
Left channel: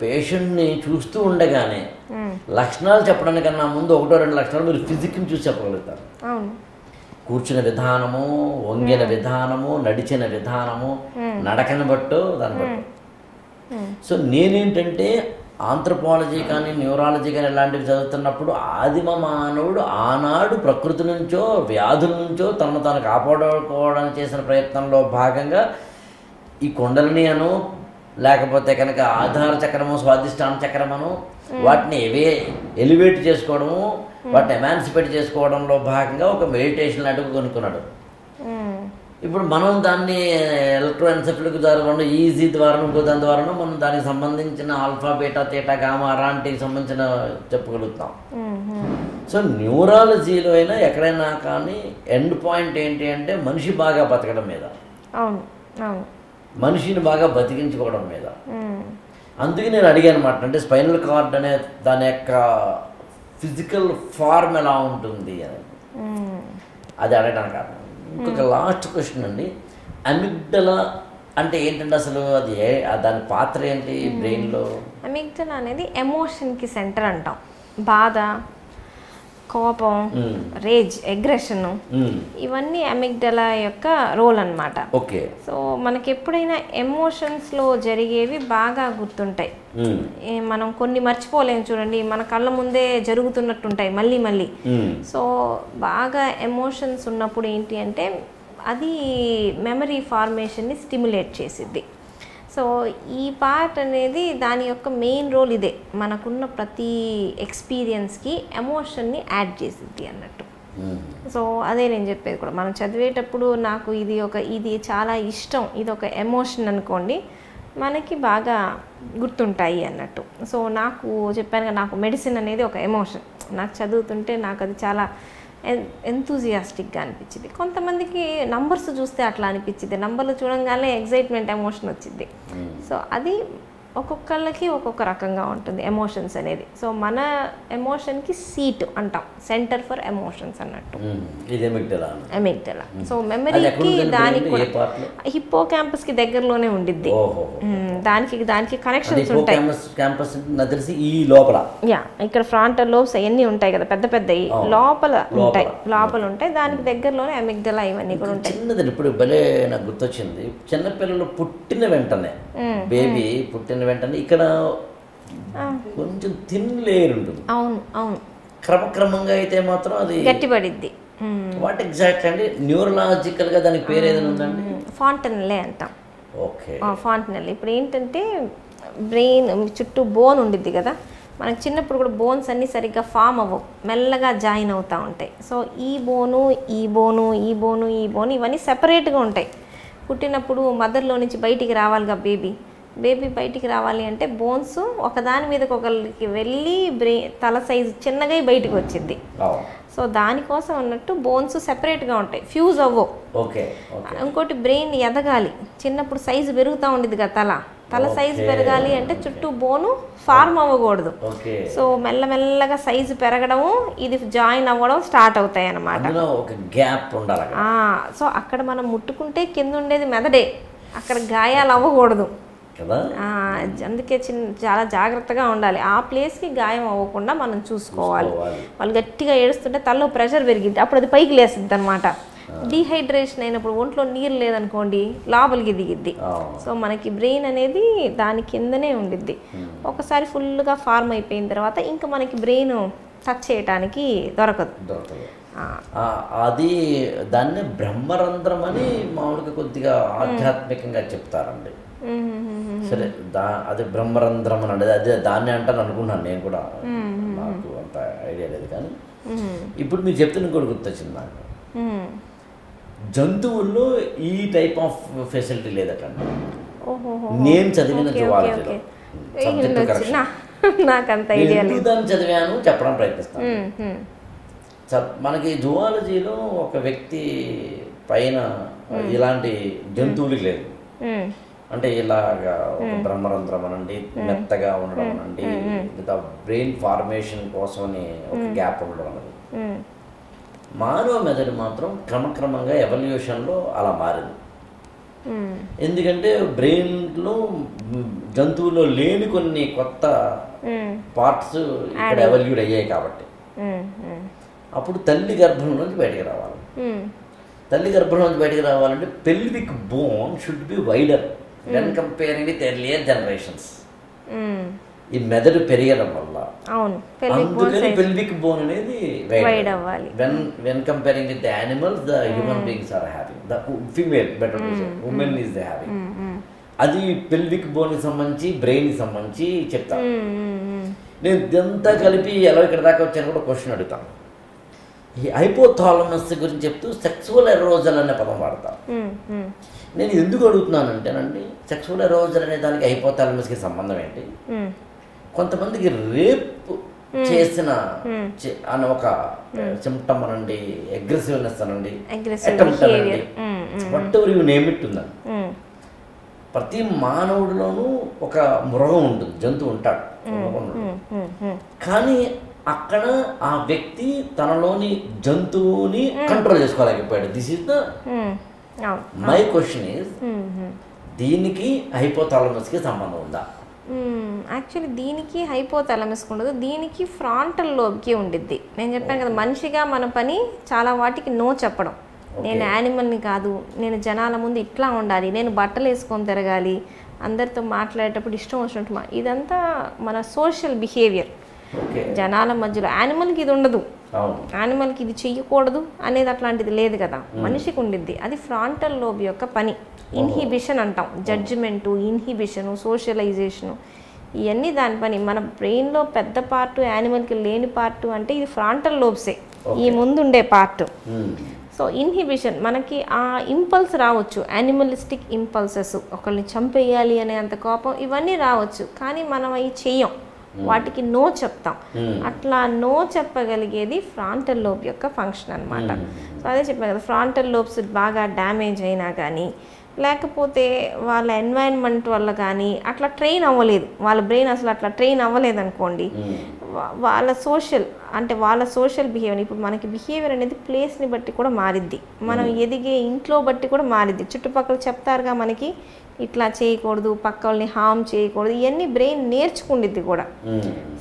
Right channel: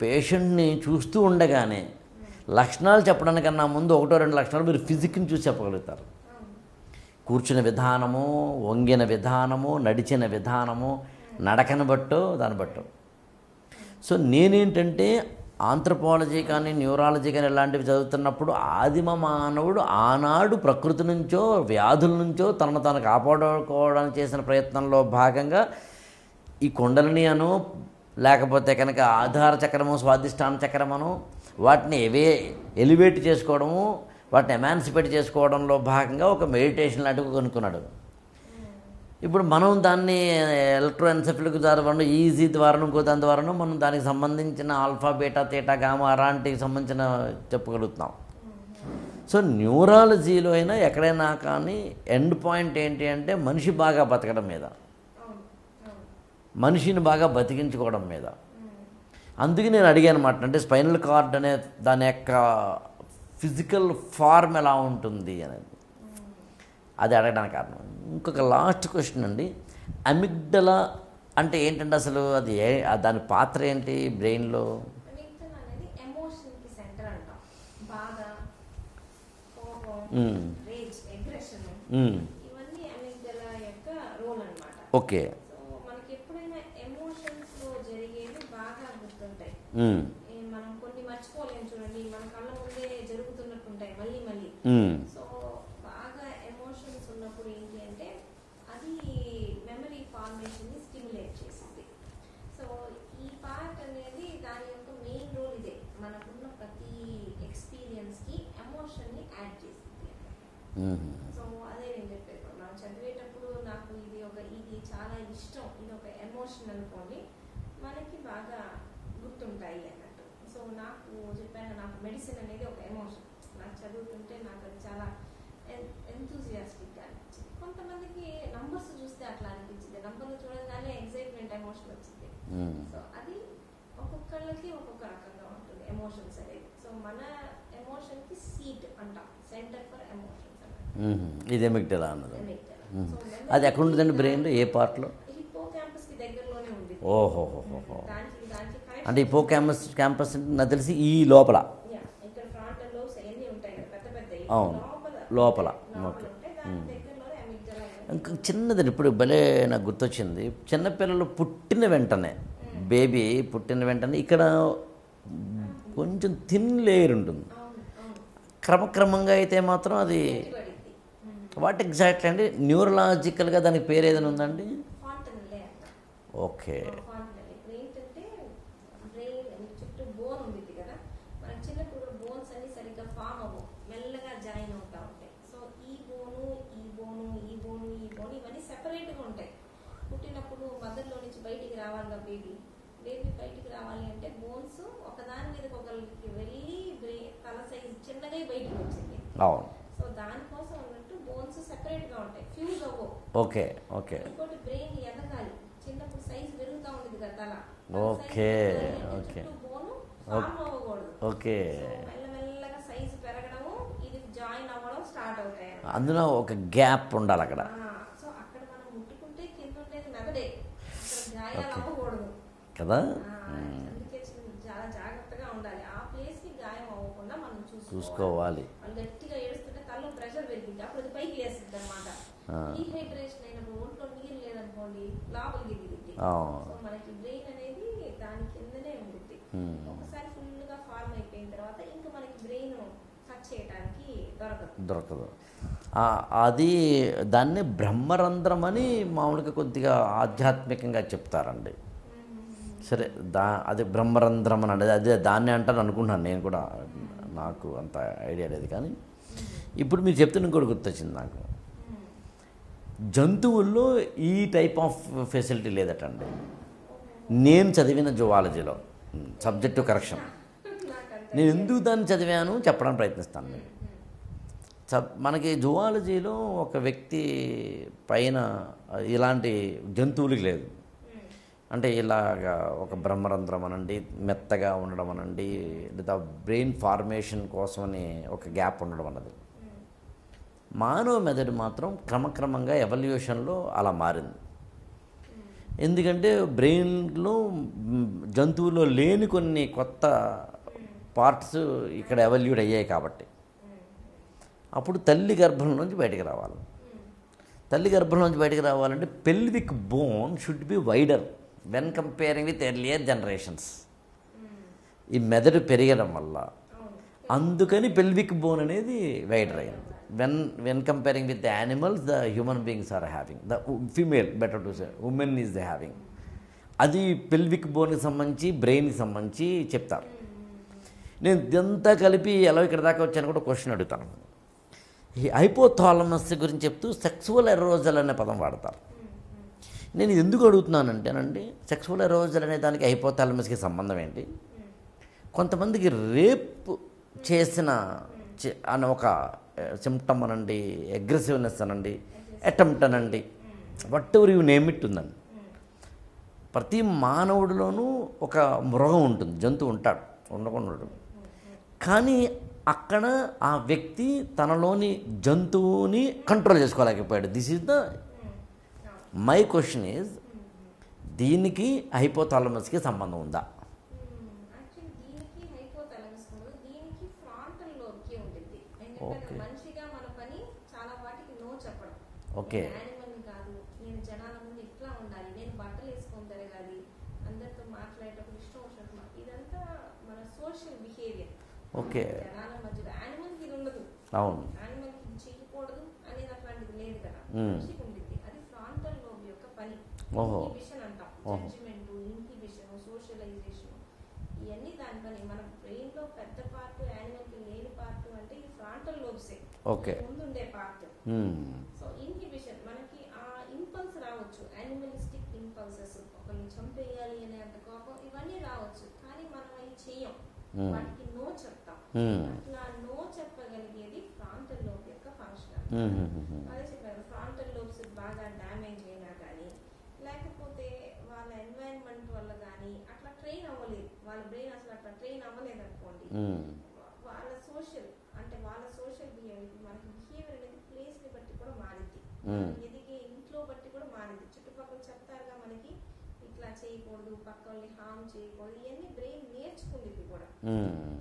పేషెంట్ని చూస్తూ ఉండగానే లక్షణాలు చెప్పడానికన్నా ముందు 1-2 లక్షణాలు మీరు ఫిజిక్ని చూసి చెప్పగలుగుతారు. కూర్చున్న విధానము, వంగిన విధానము, నడిచిన విధానము, నడకని బట్టో దాన్ని బట్టో. సో నేనేంటంటే ఆంథ్రపాలజీ కానీ, న్యూరాలజీ కానీ ఇలాంటివి చదువుతున్నప్పుడు ఆదిమ మానవుడు ఆనాడు ప్రకృతి నుంచో, వ్యాధుల నుంచో తనను తాను కాపాడుకోవడానికి చేసిన ప్రయత్నంలో భాగంగా ఈ కుండలిని అను, లేకపోతే కనుక ఆధార చక్రము, స్వాదిష్టాన చక్రమను, వాటిని ఎలివేట్ చేసుకోవడము, వాటిని ఎమాన్సిపేట్ చేసుకోవడంలో భాగంగా ఒక మెడిటేషన్ లాంటివి కొనుక్కున్నాడు. ఇప్పుడు మనం దాన్ని ఎలక్ట్రోఎన్సెఫలిక్ ద్వారా, ఈజీ ద్వారా, ఇంకో దాని ద్వారా మనం దానికి సంబంధించిన ఆల్ఫా, బీటా, తీటా, గామా అలాంటికి సంబంధించిన చెప్పగలుగుతాం. సో న్యూరాలజీలో అయినా ఎక్కడైనా కానీ ఎండ్ పాయింట్ ఏంటి అంటే మనిషి బాగా బతకడం మీద, మనిషిని బాగా బతికించుకోవడం మీద. అందుకే నేను అడిగాను అనమాట, అంటే స్పైనల్ కార్డ్ అనే దాని యొక్క ఫిజికల్ ఫార్మ్ ఎలా ఉంటుంది అని, అది అడగడానికి కారణం. ఇంకొక లాస్ట్ క్వశ్చన్ అండి, అమిగ్డలా అంటే ఏంటంటే అసలు అది దాని పాత్ర ఏంటి బ్రెయిన్లో? అమిగ్డలా అనేది ఎమోషన్కి సెంటర్ అంటాం. బాధ, కోపం, రేజ్, అగ్రెషన్, ఇవన్నీ అమిగ్డలా యొక్క రోల్ అన్నమాట. ఓకే. సో మనకి ఎప్పుడైనా ఎమోషన్స్లో జరిగేవి బాగా గుర్తుంటాయి. మనం కొన్ని మర్చిపోలేము చూడండి, మన కళ్ళ ముందే జరుగుతున్నట్టుంటాయి మళ్ళీ మళ్ళీ. సో బాగా ఎమోషన్స్ ఉన్నప్పుడు ఏంటి అంటే అది మెమరీ ఫార్మేషన్ని స్టిమ్యులేట్ చేసిద్ది. సో ఈ పార్ట్ అనేది దాని యొక్క మెయిన్ రోల్ ఇదే, మనకున్న ప్రతి ఎక్స్పీరియన్స్కి ఎమోషన్ని యాడ్ చేసిద్ది అన్నట్టు. సో అదే నేను చెప్పేది కూడా, మనం చదివేటప్పుడు నాకు ఇది చాలా ఇష్టం, ఇది ఒక ఎమోషన్ అనుకోండి, మనకి బాగా గుర్తుంటాయి అన్నట్టు. సో నాకు చెప్పాను కదా, నాకు మెడిసిన్ అనేది ఒక ఎమోషన్. నాకు చదువుతుంటే నాకు అది చాలా ఎంతూజియాస్టిక్గా అనిపించింది. కొంతమందికి నంబర్స్ చూస్తే అట్లా అనిపించింది, నంబర్లు చూడంగానే ఎగ్జైట్మెంట్ ఎమోషన్ వచ్చింది. సో అది ఒక్కొక్కళ్ళకి ఒక్కొక్క రకంగా ఉంటుంది ఎమోషన్స్ అనేది. సో మన ఎమోషన్కి సీట్ అంటాం, సెంటర్ ఫర్ ఎమోషన్స్ అన్నట్టు. ఇది అమిగ్డలా. సో మెమరీకి దానికి హిప్పో క్యాంపస్కి దగ్గరలోనే ఉండిద్ది. దానికి కనెక్షన్స్ ఉంటాయి. తెలిసి ఈ లోపల ఇక్కడ ఫ్రంటల్ లోబ్స్ అవన్నీ ఉంటాయి కదా, పెద్ద పెద్దవి లోపల ఉంటాయి. దానికి దగ్గరలోనే అమిగ్డలా ఇవన్నీ కూడా ఉంటాయి. చిన్నది ఇప్పుడు భలే నాకు గుర్తొచ్చింది, చిన్నపిల్లలు పుట్టిన వెంటనే, బేబీ పుట్టిన వెంటనే ఇక్కడ కొంచెం థిన్ లేయర్ ఉంటుంది. అవును అవును. క్రమక్రమంగా అయితే మాత్రం అది గట్టిపడిద్ది. వాట్ ఎగ్జాక్ట్ అండి న్యూరలాజికల్గా దానికి పేరు ఏదైనా ఉందండి? ఫాంటనెల్లే అంటాం. Okay, fontanelle. ఇప్పుడు ఏంటంటే బ్రెయిన్ చుట్టూ బోన్ ఉండిద్ది కదా, మనకి చిన్నప్పుడు కూడా బోన్స్ అన్నీ సరిగ్గా ఫామ్ అవ్వవు, మెల్లగా జాయిన్ అవుతూ ఉంటాయి. సో ఈ బోను ఇవన్నీ సెపరేట్గా ఉంటాయి. పుట్టినప్పుడు మదర్లో నుంచి బయటికి రావాలిగా బేబీ బయటికి రావాలి అంటే బోన్స్ ఒకదాని మీదకి ఒకరికి వెళ్ళి తల సైజు చిన్నగా బయటికి వచ్చింది. సో దానికోసం అన్నట్టు బోన్స్ సెపరేట్గా ఉంటాయి, ఫ్యూజ్ అవ్వవు. ఓకే. ఇంకోటి బ్రెయిన్ ఎదగాలి, చిన్నప్పుడు సైజు పెరుగుతూ ఉండేది కదా, తల సైజు పెరగాలి అంటే చుట్టూ బోను ఫార్మ్ అవ్వకూడదు. సో మెల్లమెల్లగా సైజు పెరగడము, ఇది జాయిన్ అవ్వడం స్టార్ట్ అవుతాయి అన్నమాట. ఒక గ్యాప్ ఉండాలి. సో అక్కడ మనం ముట్టుకుంటే కింద ఉండేది మెదడే, అక్కడ గాయాలు అవ్వకూడదు కదా. అందుకే చాలా జాగ్రత్తగా ఉండాలి, ఆ ప్లేస్కి గాయం అవ్వకుండా మనం చూసుకోవాలి. వాళ్ళు గట్టిగా ఏడుస్తుంటే తలలో ప్రెషర్ పెరిగిద్ది, అప్పుడు అది పైకి లేసిద్ది అనమాట. డీహైడ్రేషన్ అయినప్పుడు ఒంట్లో నీరు లేదనుకోండి లోపలికి దిగిద్ది. సో మనకి బ్రెయిన్ అనేది దాని కిందనే ఉండిద్ది. ఒకసారి ఫుల్గా ఫార్మ్ అయిపోయిన తర్వాత ఇంకా మనకి బ్రెయిన్ టచ్ చేయడానికి దొరకదు. అది దాన్ని బ్రహ్మరంధ్రం అని మామూలుగా కొద్దిగా ఆధ్యాత్మికంగా చెప్తారండి. సరే, అది బ్రహ్మరంధ్రం అని అదే దాన్ని అంటాను అనుకుంటున్నాను నేను కూడా, నాకు అంత ఐడియా లేదు. కానీ ఇప్పుడు మీరు చెప్తున్న ఇంకోటి గుర్తొచ్చింది నాకు, జంతువుల్లో ఈ టైప్ ఆఫ్ ఫెసిలిటీ లేదటండి. నేను చదివిన జువాలజీలో, సబ్జెక్టు కరెక్షన్, ఎందుకు దాన్ని చదివాను చెప్పడానికి ప్రయత్నిస్తాను. మనకి జువాలజీలో ఒక వ్యక్తి పైన ఇలాంటి జంతువులకి లేదు, అంటే ఇలాగా ఒక బ్రహ్మరంధ్రం అనండి, మెత్తగా ఉండడం అనండి, లేదా బ్రెయిన్ ఫార్మేషన్ కోసమని ఒక గ్యాప్ ఉండడం అన్నది. మానవ మెదడు మాత్రం క్రమక్రమంగా ఎవల్యూషన్లో అలా మారింది. ఎందుకంటే బ్రెయిన్లో జంతువుల్లో లేని కొన్ని కొత్త పార్ట్స్ ఇక్కడ ఎవల్యూట్ అయ్యాయి కాబట్టి. అప్పుడు తల్లి గర్భం నుంచి బయటకు రావాలి. తల్లి గర్భం నుంచి బయటకు రావాలంటే pelvic bone should be wider when comparing with earlier generations. ఈ మెదడు పెరగడం వల్ల అందుకని పెల్విక్ బోన్ అనేది వైడ్ అవ్వాలి. When comparing with the animals, the human beings are having, the female better to say women is the having. అది pelvic బోన్కి సంబంధించి బ్రెయిన్కి సంబంధించి చెప్తాను. నేను ఇదంతా కలిపి ఎలా ఇక్కడ దాకా వచ్చాను కూడా క్వశ్చన్ అడుగుతాను. ఈ హైపోథాలమస్ గురించి చెప్తూ సెక్సువల్ ఎరోజల్ అనే పదం వాడతాను. నేను ఎందుకు అడుగుతున్నానంటేనండి, సెక్సువల్ ఎరోజల్ అనే దానికి హైపోథాలమస్కి సంబంధం ఏంటి? కొంతమందికి రేప్ చేసిన అని ఒక సిమ్టమ్ అనండి, అగ్రెసివ్నెస్ అనండి, అటెంప్ట్ అనండి, what ever you name it ఉందండి. ప్రతి మానవుడిలోనూ ఒక మృగం ఉంటుంది, జంతువు ఉంటాడు, ఉండకుండా ఉండడు. కానీ అక్కడ ఆ వ్యక్తి తనలోని జంతువుని కంట్రోల్ చేసుకోలేకపోయాడు. This is the my question is, దీనికి హైపోథాలమస్కి సంబంధం ఉందా? యాక్చువల్లీ దీనికి హైపోథాలమస్కి ఉండదు, దీనికి ఫ్రాంటల్ లోబ్కి ఉండిద్ది. నేను చెప్పాను కదా, మనిషిగా మన పని చాలా వాటికి నో చెప్పడం. నేను యానిమల్ని కాదు, నేను జనాల ముందు ఇట్లా ఉండాలి, నేను బట్టలు వేసుకొని తిరగాలి, అందరితో మాట్లాడేటప్పుడు ఇష్టం వచ్చినట్టు ఇదంతా మన సోషల్ బిహేవియర్. జనాల మధ్యలో యానిమల్కి ఇది ఉండదు, యానిమల్కి ఇది చెయ్యకూడదు అనేది అట్లాంటిది లేదు కదా, మనిషికి ఉండిద్ది. అది ఫ్రాంటల్ లోబ్ యొక్క పని. ఇన్హిబిషన్ అంటాం, జడ్జిమెంటు, ఇన్హిబిషను, సోషలైజేషను, ఇవన్నీ దాని పని. మన బ్రెయిన్లో పెద్ద పార్టు యానిమల్కి లేని పార్టు అంటే ఇది ఫ్రాంటల్ లోబ్సే, ఈ ముందుండే పార్ట్. సో ఇన్హిబిషన్, మనకి ఆ ఇంపల్స్ రావచ్చు, యానిమలిస్టిక్ ఇంపల్సెస్, ఒకరిని చంపేయాలి అనే అంత కోపం, ఇవన్నీ రావచ్చు, కానీ మనం అవి చెయ్యం, వాటికి నో చెప్తాం. అట్లా నో చెప్పగలిగేది ఫ్రాంటల్ లోబ్ యొక్క ఫంక్షన్ అనమాట. సో అదే చెప్పాను కదా, ఫ్రాంటల్ లోబ్స్ బాగా డ్యామేజ్ అయినా కానీ, లేకపోతే వాళ్ళ ఎన్వైరన్మెంట్ వల్ల కానీ అట్లా ట్రైన్ అవ్వలేదు, వాళ్ళ బ్రెయిన్ అసలు అట్లా ట్రైన్ అవ్వలేదు అనుకోండి, వాళ్ళ సోషల్ బిహేవియర్. ఇప్పుడు మనకి బిహేవియర్ అనేది ప్లేస్ని బట్టి కూడా మారిద్ది, మనం ఎదిగే ఇంట్లో బట్టి కూడా మారిద్ది. చుట్టుపక్కల చెప్తారుగా మనకి ఇట్లా చేయకూడదు, పక్క వాళ్ళని హామ్ చేయకూడదు, ఇవన్నీ బ్రెయిన్ నేర్చుకుండిద్ది కూడా.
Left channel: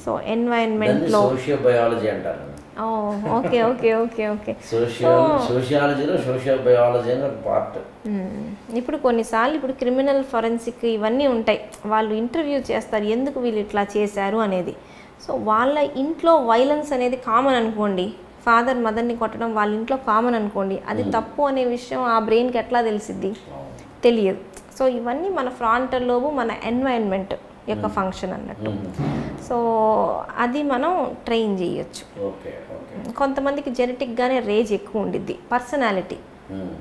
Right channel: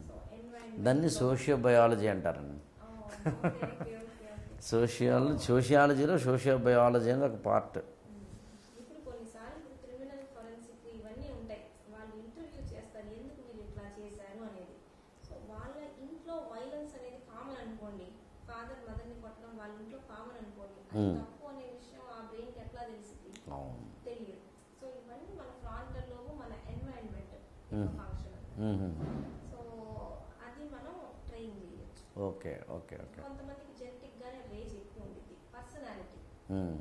సో ఎన్వైరన్మెంట్లో సోషియోబయాలజీ అంటారు. ఓకే ఓకే ఓకే ఓకే సోషియాలజీలో సోషియోబయాలజీ అని ఒక పార్ట్. ఇప్పుడు కొన్నిసార్లు ఇప్పుడు క్రిమినల్ ఫోరెన్సిక్ ఇవన్నీ ఉంటాయి, వాళ్ళు ఇంటర్వ్యూ చేస్తారు ఎందుకు వీళ్ళు ఇట్లా చేశారు అనేది. సో వాళ్ళ ఇంట్లో వైలెన్స్ అనేది కామన్ అనుకోండి, ఫాదర్ మదర్ని కొట్టడం వాళ్ళ ఇంట్లో కామన్ అనుకోండి, అది తప్పు అనే విషయం ఆ బ్రెయిన్కి ఎట్లా తెలిసిద్ది? తెలియదు. సో ఇవన్నీ మన ఫ్రాంటల్ లోబ్, మన ఎన్వైరన్మెంట్ యొక్క ఫంక్షన్ అన్నట్టు. సో అది మనం ట్రైన్ చేయొచ్చు. కొంతమందికి జెనెటిక్గానే రేజ్ ఎక్కువ ఉండిద్ది,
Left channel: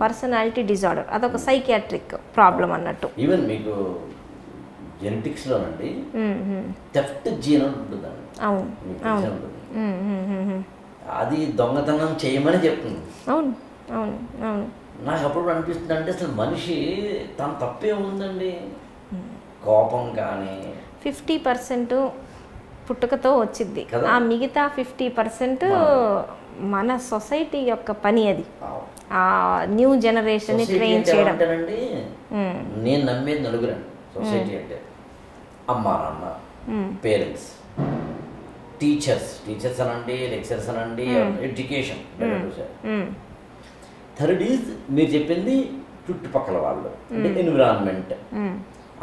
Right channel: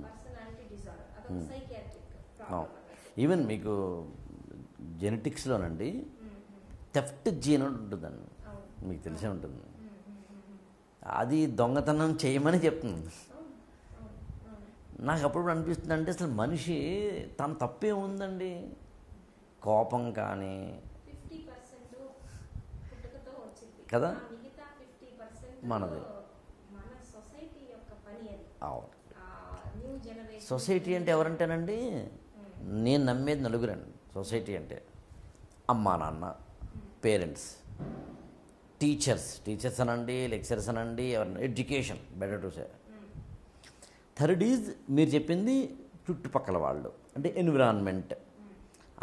పర్సనాలిటీ డిజార్డర్, అదొక సైకియాట్రిక్ ప్రాబ్లం అన్నట్టు. ఈవెన్ మీకు జెనెటిక్స్లోనండి థెఫ్ట్ జీన్ ఉంటుందండి, మీకు తెలిసే ఉంటుంది, అది దొంగతనం చేయమని చెప్తుంది. అవును అవును అవును. నాకు అప్పుడు అనిపిస్తుంది, అంటే అసలు మనిషి తన తప్పే ఉందండి, కోపం కానీ 50% పుట్టుకతో వచ్చింది, ఆ మిగతా 50% మన సొసైటీ యొక్క పని. అది ఆ న్యూ జనరేషన్ ట్రైన్ చేయడం. అంటేనండి నేను నమ్మేది నలుగురండి సొసైటీ అంటే, అమ్మా నాన్న, పేరెంట్స్, టీచర్స్ అనండి, లెక్చరర్స్ అనండి, ఎడ్యుకేషన్. థర్డ్ ఈజ్ మీరు చెప్పింది చుట్టుపక్కల వాళ్ళు, అంటే ఎన్విరాన్మెంట్.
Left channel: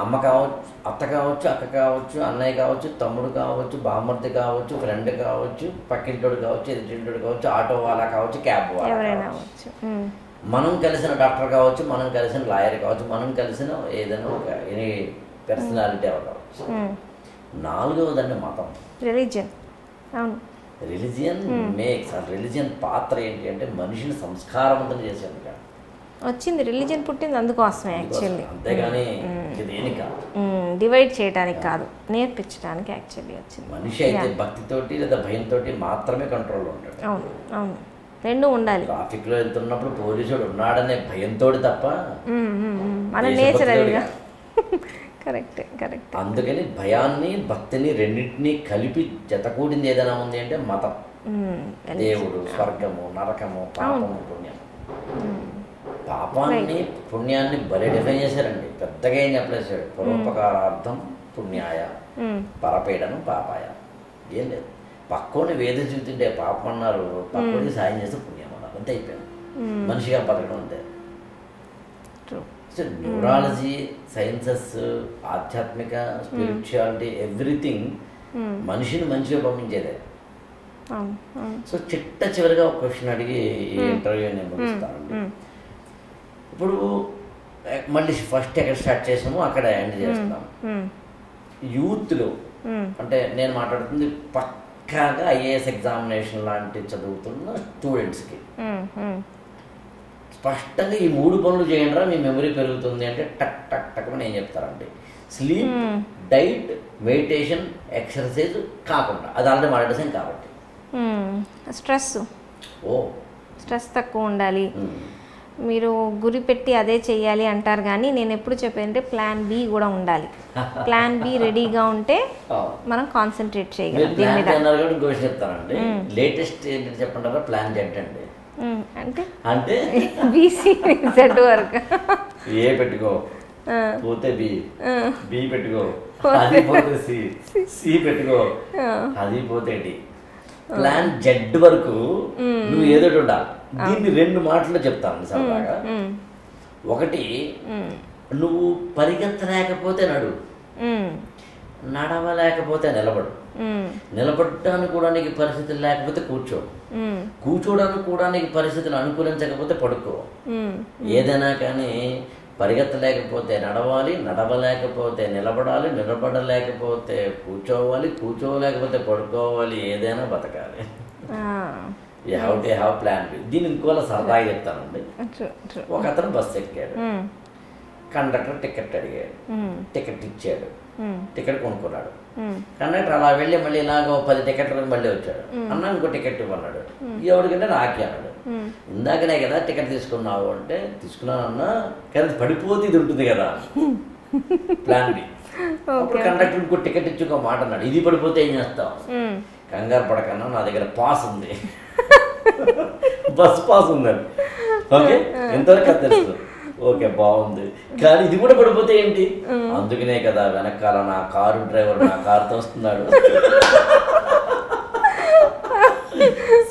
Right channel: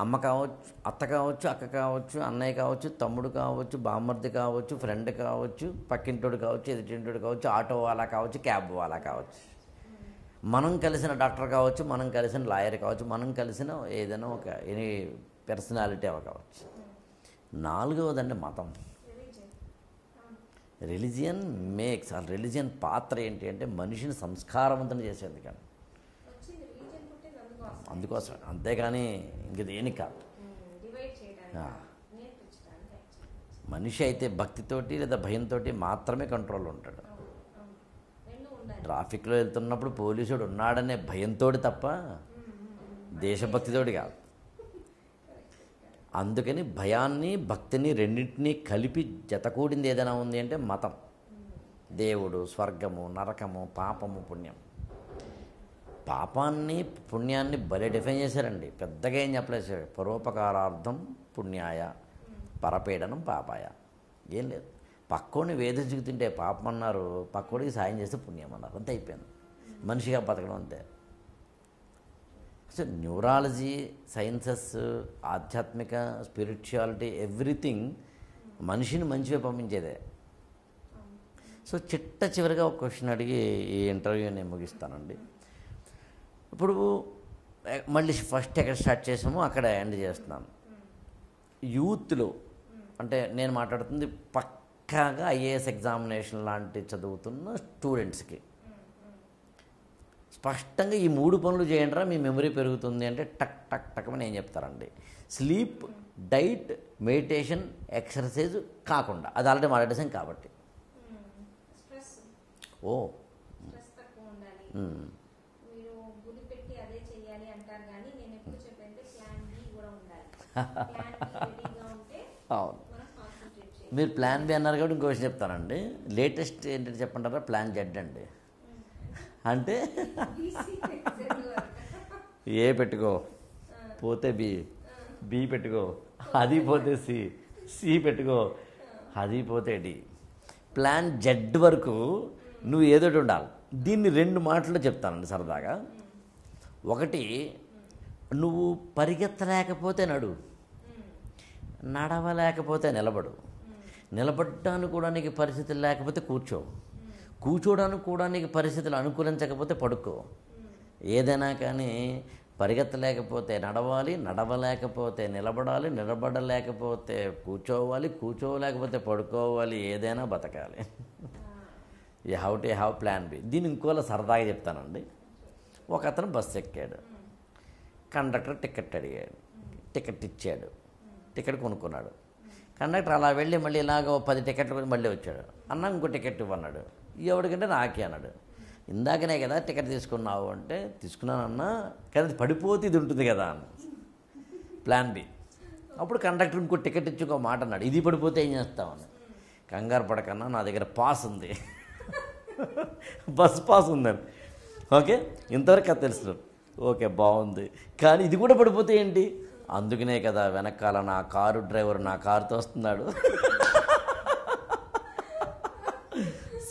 అమ్మ కావచ్చు, అత్త కావచ్చు, అక్క కావచ్చు, అన్నయ్య కావచ్చు, తమ్ముడు కావచ్చు, బామ్మర్ది కావచ్చు, ఫ్రెండ్ కావచ్చు, పక్కింటోడు కావచ్చు, ఎదుటింటోడు కావచ్చు, ఆటో వాళ్ళ కావచ్చు, క్యాబ్ వాళ్ళ కావచ్చు, మనం కలిసిన డాక్టర్ కావచ్చు, మనం కలిసిన లాయర్ కావచ్చు, మనం కలిసిన ఏదైనా ఒక ఎనీ పర్సనాలిటీ ఎవరు కావచ్చు. నాలుగవదండి మతం, రిలీజియన్ మేక్స్. ఆ రిలీజియన్ పాత్ర ఏంటి అంటే మనిషిని సంస్కారవంతం చేసేందుకు వచ్చింది. రిలీజియన్ పుట్టింది అందుకోసమే యాక్చువల్లీ, అంతేగాని దేనికి కాదు, డివైడ్ చేయడానికి కాదు, నేర్పించడానికి యాక్చువల్లీ వచ్చింది. మనిషి అయితే భక్తితోటి లేదా భయంతో మాత్రమే కంట్రోల్లో ఉంటాడు. అవును అవును, రెండు ఉండాలి. ట్రాఫిక్లో వెళ్తున్నప్పుడు పోలీసుడు ఉన్నాడనే భయంతో తప్ప మన నేచర్ కరెక్ట్ కరెక్ట్. అందుకని భయాన్ని భక్తిని రెండింటినీ కలిపి జతకూడింది ఏదైనా ఉంది అంటే మతం. దేవుడు, స్వర్గము, నరకము, పాపము, పుణ్యము. పాపాన్ని పుణ్యాన్ని భలే డిఫైన్ చేశారండి, పెద్దగా ఏం చెప్పలేసాడు. పరోపకారార్థం పుణ్యాయ, పరపీడనం పాపాయ. ఏం లేదు, పక్కోని వేద చూతుంటే పాపం అన్నారు, పక్కోడికి సాయం చేస్తే పుణ్యం అన్నారు, అంతే అయిపోయింది. మనిషిగా బతకడం అంతే. సో న్యూరాలజీ, సైన్సెస్, ఆధ్యాత్మిక, స్పిరిచువాలిటీ, ఎవ్రీథింగ్ మనిషిని మంచిగా పంపించేదే. సో చివరిగా ఒక క్వశ్చన్ అడిగి ఈ ఇంటర్వ్యూ నేను ముగిస్తానండి. ఇప్పుడు మళ్ళీ ఫస్ట్ ఎక్కడ స్టార్ట్ చేసామో అక్కడ ఎండ్ చేస్తున్నాం. యూత్లో అంటే నేను మాట్లాడుతుంది పక్కాగా ఐఏఎస్ ఎగ్జామినేషన్ లాంటి చదువుతున్న స్టూడెంట్స్కి స్పష్టంగా ఈ 3 పనులు చేయండి రా మీ మెమరీ పెరుగుతుంది అంటే టక్ టక్ టక్ అని ఏం చెప్తారండి? స్లీప్, డైట్, మెడిటేషన్, ఎక్సర్సైజ్ కాకుండా, అది ఆల్రెడీ మాట్లాడేసాం కాబట్టి. స్ట్రెస్ తక్కువ ఉండాలి, మీరు గురి పెట్టి అదే చెయ్యాలి అంటారు, కానీ నేను ఎప్పుడు చెప్పేదంటే ప్లాన్ బి కూడా ఉండాలి. ప్లాన్ బి రెడీగా ఉంటే మనం కాన్సన్ట్రేట్ చేయగలం. ప్లాన్ బి అన్నారు కాబట్టి ఇంకో విషయం చెప్తానండి. లేటెస్ట్ ఏంటంటే చెప్పంటారా, ప్లాన్ జెడ్ అండి. అంటే అంటే బీసీ జెడ్ వరకు ఏ పెట్టుకో, పోతే బి పెట్టుకో, అది పోతే సి పెట్టుకో, అది పోతే డి. ప్లాన్ జెడ్ వరకు నువ్వు ఏదోటి ఉండాలి. దీన్ని 2 మాటల్లో చెప్తాను సరదాగా. ఒకటి, నువ్వు పరిగెత్తలేకపోతే నడువు, నడవలేకపోతే నిలబడు, నిలబడడానికి కూడా నీకు పరిస్థితులు లేకపోతే కూర్చో, కూర్చోడానికి కూడా నీకు పరిస్థితులు అనుకూలించకపోతే పడుకో. ఏదైనా కానీ పరిగెత్తలేకపోతే నడవాలి, నడవలేకపోతే నిలబడాలి, నిలబడలేకపోతే కూర్చోవాలి, కూర్చోలేకపోతే పడుకోవాలి, ఏదైనా బతకాలి. You have to have plan B. దీన్ని ఇంకోలా సరదాగా చెప్తానండి. ఒక అతను బస్సు ఎక్కాడు, కండక్టర్ టికెట్ అడిగాడు, టికెట్ ఇచ్చాడు, టికెట్ కొనుక్కున్నాడు. కండక్టర్ అలా వెళ్ళి మళ్ళీ ఇలాగ 10 టికెట్లు మళ్ళీ వచ్చాడు. అన్న ఇంకో టికెట్ ఇవ్వన్నాడు. ఎవరికంటే నాకే అన్నాడు. ఇందాకనే కదా టికెట్ తీసుకున్నావు అంటే, తీసుకున్నానన్నా కానీ పడిపోతే ఇది ఉంటుంది కదా. Plan B. అప్పుడు కండక్టర్ ఇంకో టికెట్ ఇచ్చి ఒక మాట అన్నాడు, ఇది పడిపోతే ఏం చేస్తావు? కంగారు పడకన్నా, నా దగ్గర పాస్ ఉంది, బస్ పాస్ ఉందండి. ఓకే, ఎంతవరకు అది తెలుసు. ఓకే, బాగుంది. కానీ ఇది కూడా పడిపోతే ఏంటి? అందుకనే కదా వెనకాల నా కారు డ్రైవర్ నా కారుతో వస్తున్నాడు.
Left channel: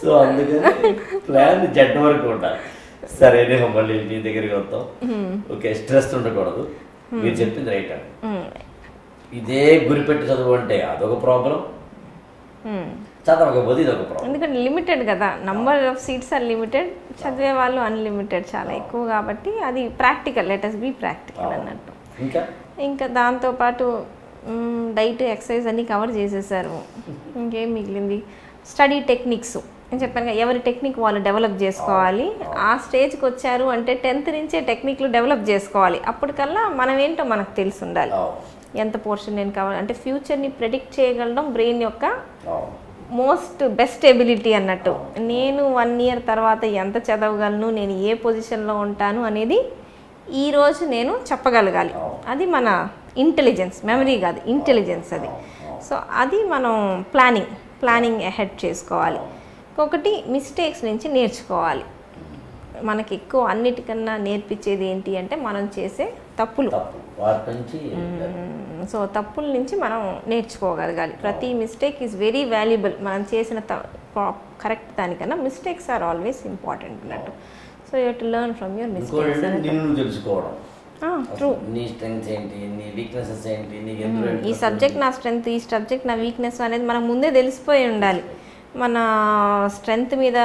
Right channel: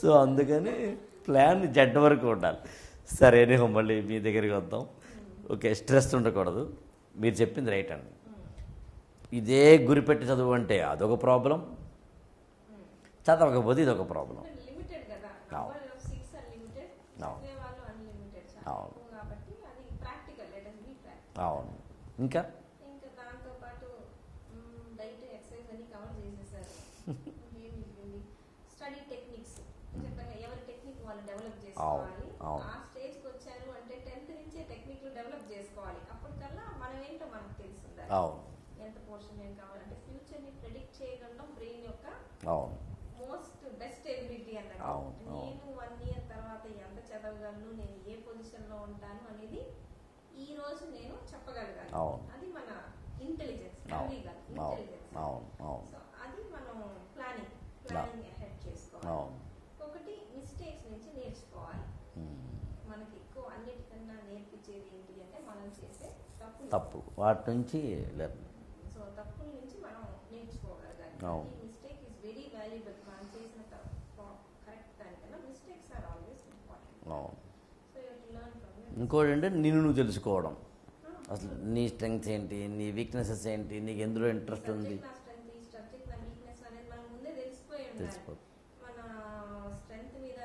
సో అందుకని ప్లాన్ జెడ్ వరకు ఉండాలి. సరేనే, మళ్ళీ మీ దగ్గరికి వద్దాం. ఓకే, స్ట్రెస్ ఉండకూడదు. మీరు చెప్పింది రైట్ అండి. ఇదే గురిపెట్టి చదువు అంటే అదొక ప్రాబ్లం, చదవకపోతే ఇది ఒక ప్రాబ్లం. ఎందుకంటే లిమిటెడ్ కదా, number of seats are limited, చదివే వాళ్ళు అన్లిమిటెడ్, చాలా ఎక్కువ. కాబట్టి అది practical, let us be practical అన్నట్టు. ఇంకా దాంతోపాటు డైట్, ఎక్సర్సైజ్ అన్నీ కవర్ చేసేసారు. ఇంకేం మిగిలింది? స్టడీ టెక్నిక్స్ నేను చెప్పాను కదా, ఎవరి టెక్నిక్ వాళ్ళు డెవలప్ చేసుకోవాలి. ఆ స్టేజ్కి వచ్చారు అంటే 10th నుంచే టెక్నిక్లు డెవలప్ చేసుకోవాలి. అప్పటికల్లా మనం ఏంటో మనకు తెలిసి ఉండాలి. ఎంత పోర్షన్ నేను కావాలి అంటే ఫ్యూచర్ని ప్రెడిక్ట్ చేయగలడం బ్రెయిన్ యొక్క మోస్ట్ బెస్ట్ ఎబిలిటీ అన్నట్టు. నేను 1 year తర్వాత ఎంత చదవగలను, నేను ఏ పొజిషన్లో ఉంటాను అనేది ఈరోజు నేను చెప్పగలగాలి. అది మన ఇంటెలిజెన్స్, మెమరీ కాదు, ఇంటెలిజెన్స్ అది. సో అది మనం ప్లానింగ్ అహెడ్ చేసుకోవాలి. ఇంకొకటి, మిస్టేక్స్ నుంచి నేర్చుకోవాలి. మనకి ఎక్కువ అన్నిటికన్నా నేర్పించేది ఏంటి అంటే మనం చేసే తప్పులు. సో తప్పుల నుంచి మనం నేర్చుకోగలగాలి. ప్రతి మిస్టేక్ ఈజ్ వెరీ వాల్యుబుల్. మనం చేసిన కరెక్ట్ దానికన్నా మిస్టేక్స్ ఆర్ ఆల్వేస్ ఇంపార్టెంట్ అన్నట్టు. So you have to learn from your mistakes. నిన్ను తెలుసుకోవడం, నీ స్ట్రెంగ్స్ ఏంటి, నీ వీక్నెసెస్ ఏంటి, నీకు ఎందులో ఈ సబ్జెక్ట్ నా స్ట్రెంగ్త్, ఈ సబ్జెక్ట్ నా వీక్నెస్ అనేది మనం ముందే తెలిసిపోయి ఉండాలి. మన స్ట్రెంగ్త్ మీద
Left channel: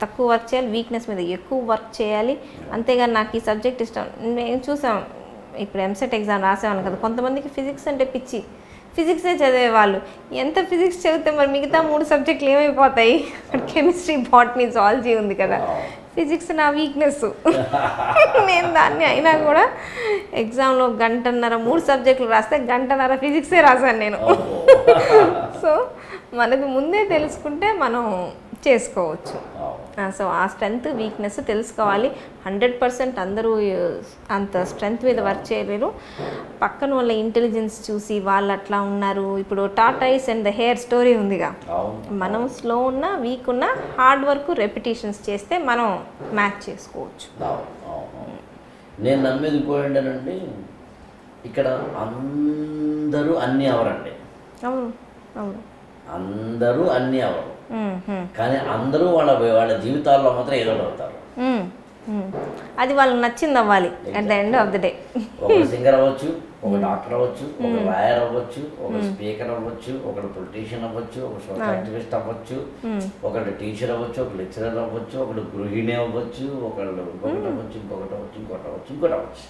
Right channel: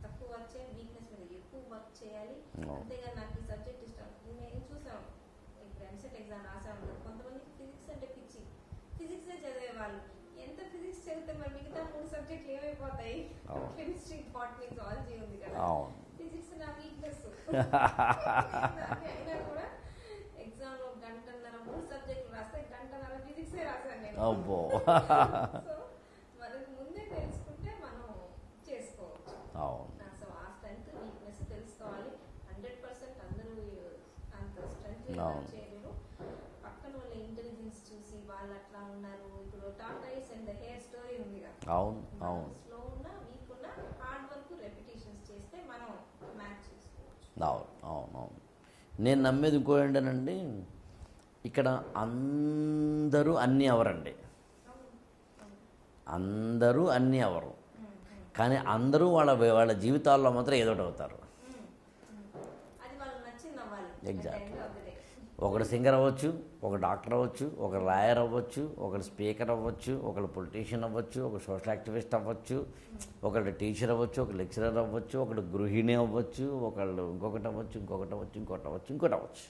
తక్కువ వర్క్ చేయాలి, వీక్నెస్ మీద ఎక్కువ వర్క్ చేయాలి. అంతేగాని నాకు ఈ సబ్జెక్ట్ ఇష్టం. మేము చూసాం, ఇప్పుడు ఎంసెట్ ఎగ్జామ్ రాసేవాళ్ళు కదా, కొంతమందికి ఫిజిక్స్ అంటే పిచ్చి, ఫిజిక్సే చదివేవాళ్ళు. ఎంత ఫిజిక్స్ చదివితే మరి మిగతా 3 సబ్జెక్టులు ఏమైపోతాయి? కెమిస్ట్రీ, బాటనీ, జువాలజీ ఉంది కదా. ఫిజిక్స్ నా వీక్నెస్. నేను దాన్ని అయినా కూడా ఎగ్జామ్లో 1.5 గంటన్నర 3 సబ్జెక్టులు రాస్తే 1.5 గంటన్నర ఫిజిక్సే రాశాను నేను. సో మనకు ముందే తెలుసుకుంటే మనం చేసుకోవచ్చు. సో ఆ స్ట్రెంగ్త్, వీక్నెస్ తెలుసుకోవాలి. 100% అందరూ అంత స్ట్రెంగ్త్ మీద వర్క్ చేయలేరు. పక్కన వాళ్ళ ఇంటెలిజెన్స్ చూసి వాళ్ళు అట్లా ఉన్నారు. ఇప్పుడు tortoise and the hair story ఉందిగా, మనం స్లో ఉన్నా, వీక్ ఉన్నా, హార్డ్ వర్క్, రెపిటేషన్స్ చేస్తే మనం మ్యాచ్ చేసుకోవచ్చు. నేను నమ్మేది ఇంకోటండి, ఇక్కడ అందరూ అన్నీ అవరండి. అవును అవును, అందరూ అన్నీ అవరు, కానీ అందరూ వాళ్ళ జీవితాల్లో మాత్రం ఏదో అవుతారు. అది వాళ్ళకి నచ్చింది అవ్వాలి at the end of the day. ఒక సింగర్ అవ్వచ్చు, ఒక డాక్టర్ అవ్వచ్చు, ఒక లాయర్ అవ్వచ్చు, ఒక స్పీకర్ అవ్వచ్చు, ఒక పొలిటీషియన్ అవ్వచ్చు, ఒక సోషల్ యాక్టివిస్ట్ అవ్వచ్చు, ఒకళ్ళు టీచర్ అవ్వచ్చు, ఒక లెక్చరర్ అవ్వచ్చు, ఒకళ్ళు గృహిణి అవ్వచ్చు, ఒకళ్ళు ఇంకొకటి అవ్వచ్చు, ఇంకొకటి అవ్వచ్చు, ఇంకోటి అవ్వచ్చు, ఇంకోటి అవ్వచ్చు.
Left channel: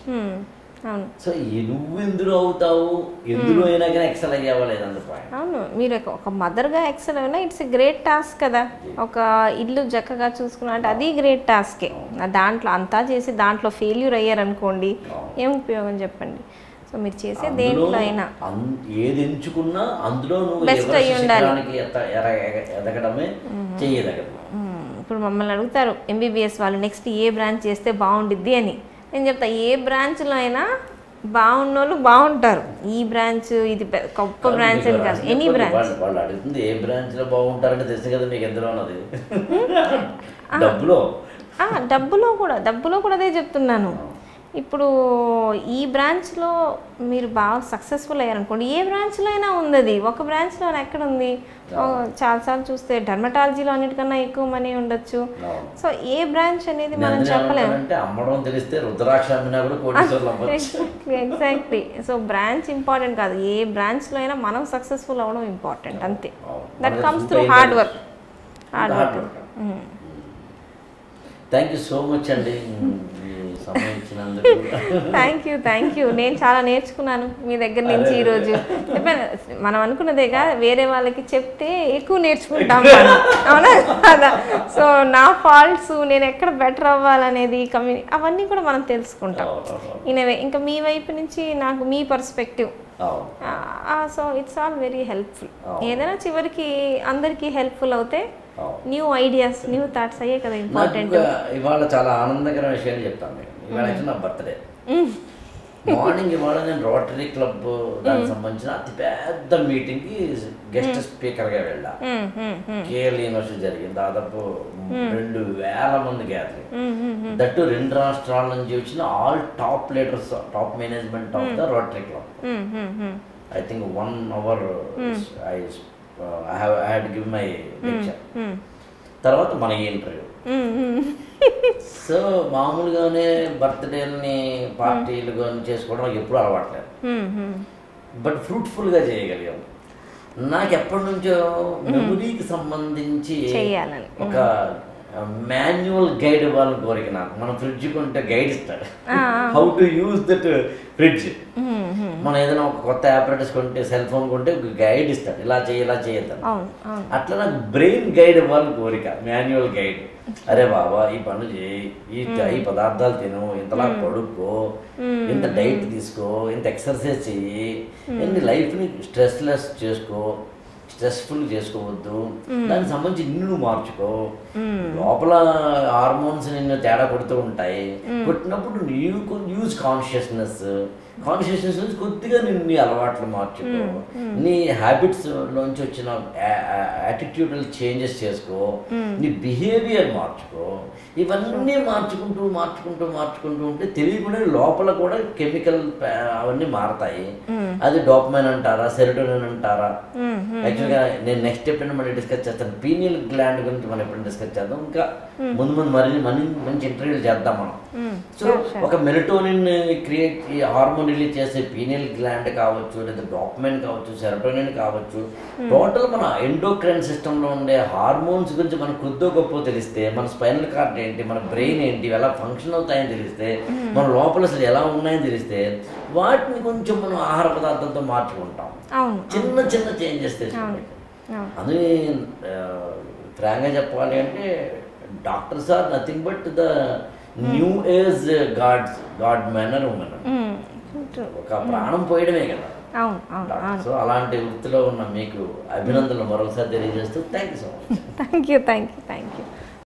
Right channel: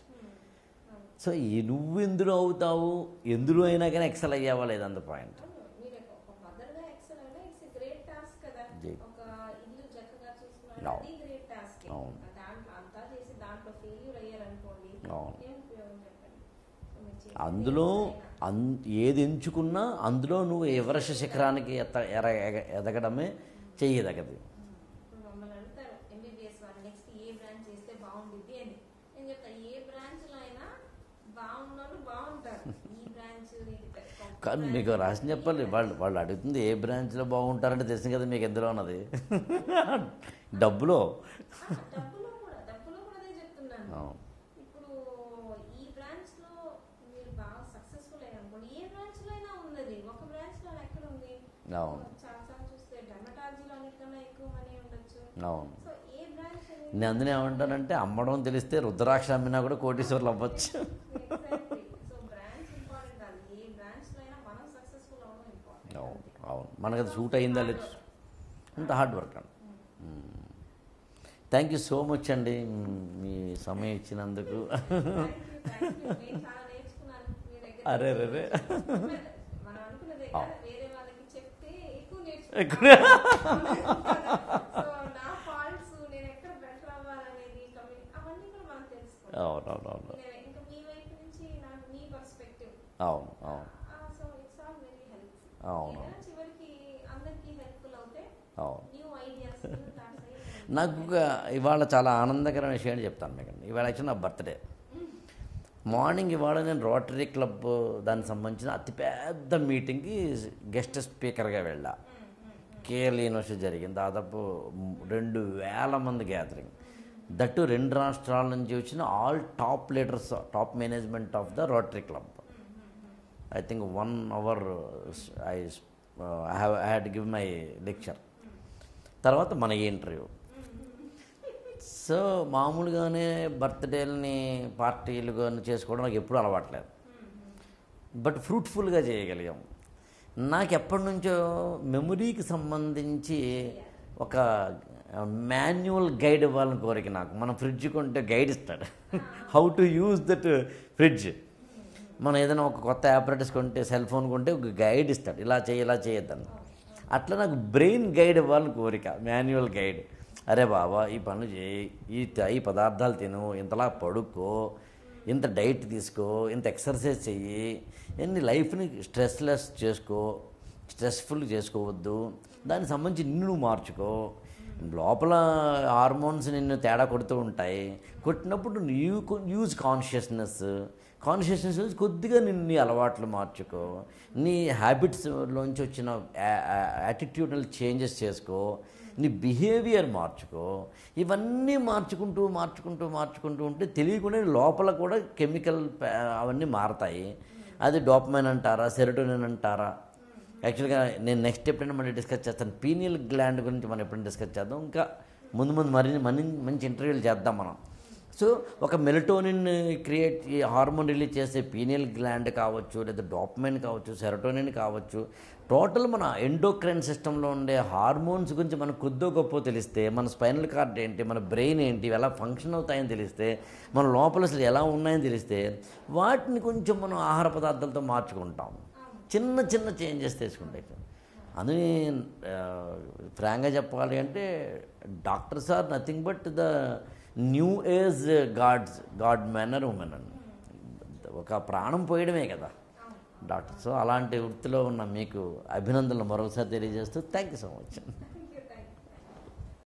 సో నువ్వు ఎందులో అవుతావు, ఎందులో అయినా కానీ ఎక్సెల్ అయ్యావా లేదంత పాయింట్. అవును, మీరు ఒక మదర్గా ఎక్సెల్ అయినా ఇట్స్ ఎ గ్రేట్ టాస్క్ కదా. ఒక ఇల్లు చక్కగా చూసుకున్నా అంటే అది గ్రేట్ టాస్కే. దాంట్లో అంతా చేసి దాంట్లో ఫెయిల్యూర్ అయ్యారనుకోండి, ఏం ఉపయోగం చెప్పండి. సో మీరు చేసే దేంట్లో అయినా ఏది ఎంచుకున్నా అందులో నువ్వు శిఖరానికి ఎదగడమే చేయదగదు. ఇప్పుడు మమ్మల్ని అడుగుతారు ఎంబీబీఎస్ వాళ్ళు నెక్స్ట్ ఏ బ్రాంచ్ చేస్తే బాగుండిద్ది అని. నేను చెప్తా ఏ బ్రాంచ్లో అయినా బాగున్న వాళ్ళు బాగుంటారు. ఈ బ్రాంచ్ ఇది గొప్ప బ్రాంచ్ అని కాదు, ఎనీ బ్రాంచ్. వాళ్ళు అడుగుతుంది ఏ బ్రాంచ్లో బాగుంటారంటే తెలుసు కదా మీకు ఎందులో ఉన్నది. డబ్బులో కూడా అదే చెప్తున్నాను. ఇప్పుడు ఈ బ్రాంచ్లో మీరు బాగా సక్సెస్ఫుల్ అయ్యారనుకోండి, ఏ బ్రాంచ్లో అయినా ఉంది అది. ఒక బ్రాంచ్లో ఎక్కడ ఉంది? చాలాసార్లు చూస్తే డర్మటాలజీలో అన్నిటికన్నా ఎక్కువ మనీ ఉండొచ్చు. సో ఏ బ్రాంచ్ అనేది మనం చెప్పలేము. అమ్మడం తెలిస్తే రుద్రాక్ష అమ్మినా కూడా కోటీశ్వర్లు అవ్వచ్చు. ఎగ్జాక్ట్లీ. సో బ్రాంచ్ ఇంపార్టెంట్ కాదు, ఏ బ్రాంచ్లో అయినా మనం సక్సెస్ఫుల్ అవ్వడం ఇంపార్టెంట్, అంతే. That comes through hard work. Thank you so much అండి సమయం ఇచ్చినందుకు. Thank you. నేను చాలా నేర్చుకున్నాను మీ దగ్గర నుంచి ఈరోజు. మనం అనుకున్నదేగా, వేరే వాళ్ళకి చెప్తే ఎక్కువ నేర్చుకుంటాం, అవునా కదా? సో నా ఫాల్ట్స్, నేను ఎక్కడ బెటర్ అవ్వాలనేది, అవన్నీ కూడా మనం తెలుసుకుంటాం ఇనవే. ఇంకా మీ వైపు నుంచి నాకు మీ perspective, so it's all very helpful. ఏదైనా చివరికి అందరికీ హెల్ప్ఫుల్ అవుతే న్యూ ఐడియాస్, న్యూ థాట్స్ అయ్యే కదా ఇంపార్టెంట్. ఇవాళ చాలా ఆనందకరమైన విషయాలు చెప్తాను మీకు. ఇవాళ యాక్చువల్ నా బర్త్డే. మార్నింగ్ ఇవాళ నేను రోటరీ క్లబ్ దానికి సంబంధించిన అతిపెద్ద మీటింగ్కి గెస్ట్ స్పీకర్గా వెళ్ళా. కేఎల్ యూనివర్సిటీ జరిగింది. దాదాపు 2000 మంది గ్యాదరింగ్. దట్టు 2 రాష్ట్రాల నుంచి వచ్చిన all top leaders, top management of the rotary club. I think 1 hour I had given my lecture. తర్వాత మన ఇంటర్వ్యూ. సో మామూలుగానే బర్త్డేని పార్టీలు కానీ చేసుకోవడం నాకు ఎప్పుడూ అలవాట్లేదు, బట్ ఫ్రూట్ఫుల్గా చేయగలిగాము. నాకు ఎప్పటి నుంచో మెమొరీకి సంబంధించి ఒక మాన్యువల్ గైడ్ ఇవ్వాలని కోరిక నాకు. మనం ఫ్రిడ్జ్ కొంటే గైడ్ ఇస్తాడు, how to use that fridge. మనం ఏదైనా ఒక కొత్త ఆపరేటర్స్ కొంటే, సెల్ ఫోన్ కొంటే ఒక గైడ్ ఇస్తాడు, ఇలా చేయి ఇలా చేయొద్దని. అట్లా నాకు బ్రెయిన్ గైడ్ ఇవ్వాలని కోరిక, మాన్యువల్ గైడ్. అరే బాబా ఈ పనులు చేయి, ఈ పదార్థాలు తిను, ఇంతలా పడుకో, ఇంత డైట్ తీసుకో, ఇంత ఎక్సర్సైజ్ చెయ్యి, ఎన్ని లైఫ్ని స్ట్రెస్లెస్ చేసుకో, స్ట్రెస్ఫుల్ చేసుకోవద్దు, దానికి సంబంధించి నిన్ను మార్చుకో. లోపల హార్మోన్స్ నిన్ను తేడా కొడుతూ ఉంటాయి. కొట్టినప్పుడు యూజ్ కాన్షియస్నెస్ కొద్దిగా నీ అలవాట్లు మార్చుకో, నీ హ్యాబిట్స్లోంచి వచ్చిన యాటిట్యూడల్ చేంజెస్ చేసుకో, నీ బిహేవియర్ మార్చుకో. ఇవన్నీ మార్చుకుంటూ ఉంటే తెలియకుండా లోపల కూడా కెమికల్ అవన్నీ మారతాయి. అది డోపమైన్ అంటారా, సెరోటోనిన్ అంటారా. యాక్చువల్గా నేను నెక్స్ట్ ఎప్పుడైనా మళ్ళీ డిస్కస్ చేస్తాను. పీనియల్ గ్లాండ్ గురించి మనం ఎప్పుడైనా డిస్కస్ చేద్దాం. ఇంకా ముందు మంచి ఇంటర్వ్యూలు చేద్దాం మనం. సో ఒక మెలటోనిన్ క్రియేట్, ఈ హార్మోన్ రిలీజ్ చేసే పీనియల్ గ్లాండ్ కావచ్చు, లేదా డోపమైన్ కావచ్చు, సెరోటోనిన్ కావచ్చు, టోటల్ మన ఎండోక్రైన్ సిస్టంలో ఉండే హార్మోన్స్ గురించి మనకు కొద్దో గొప్ప తెలిస్తే, మన స్పైనల్ కార్డ్ ఏంటి, మన బ్రెయిన్ ఏంటి, ఎలా ఫంక్షన్ అవుతాయని తెలిస్తే, మన లోపల అసలు ఎలా ఉన్నాయని తెలిస్తే, వాటిని కొంచెం మనం ఆహార పదార్థాలతో మార్చుకుంటాం. చిన్న చేంజెస్ తీసుకుంటాం. అందుకే ఫ్రాంక్గా చెప్పాలి అంటే doctors are nothing but the new age god man or women. ఒక ప్రాణం పోయడమే కదా డాక్టర్. సో అలాంటి వృత్తిలో ఉన్న మీకు అభినందనలు మరొకసారి తెలియజేస్తూ thank you so much. Thank you.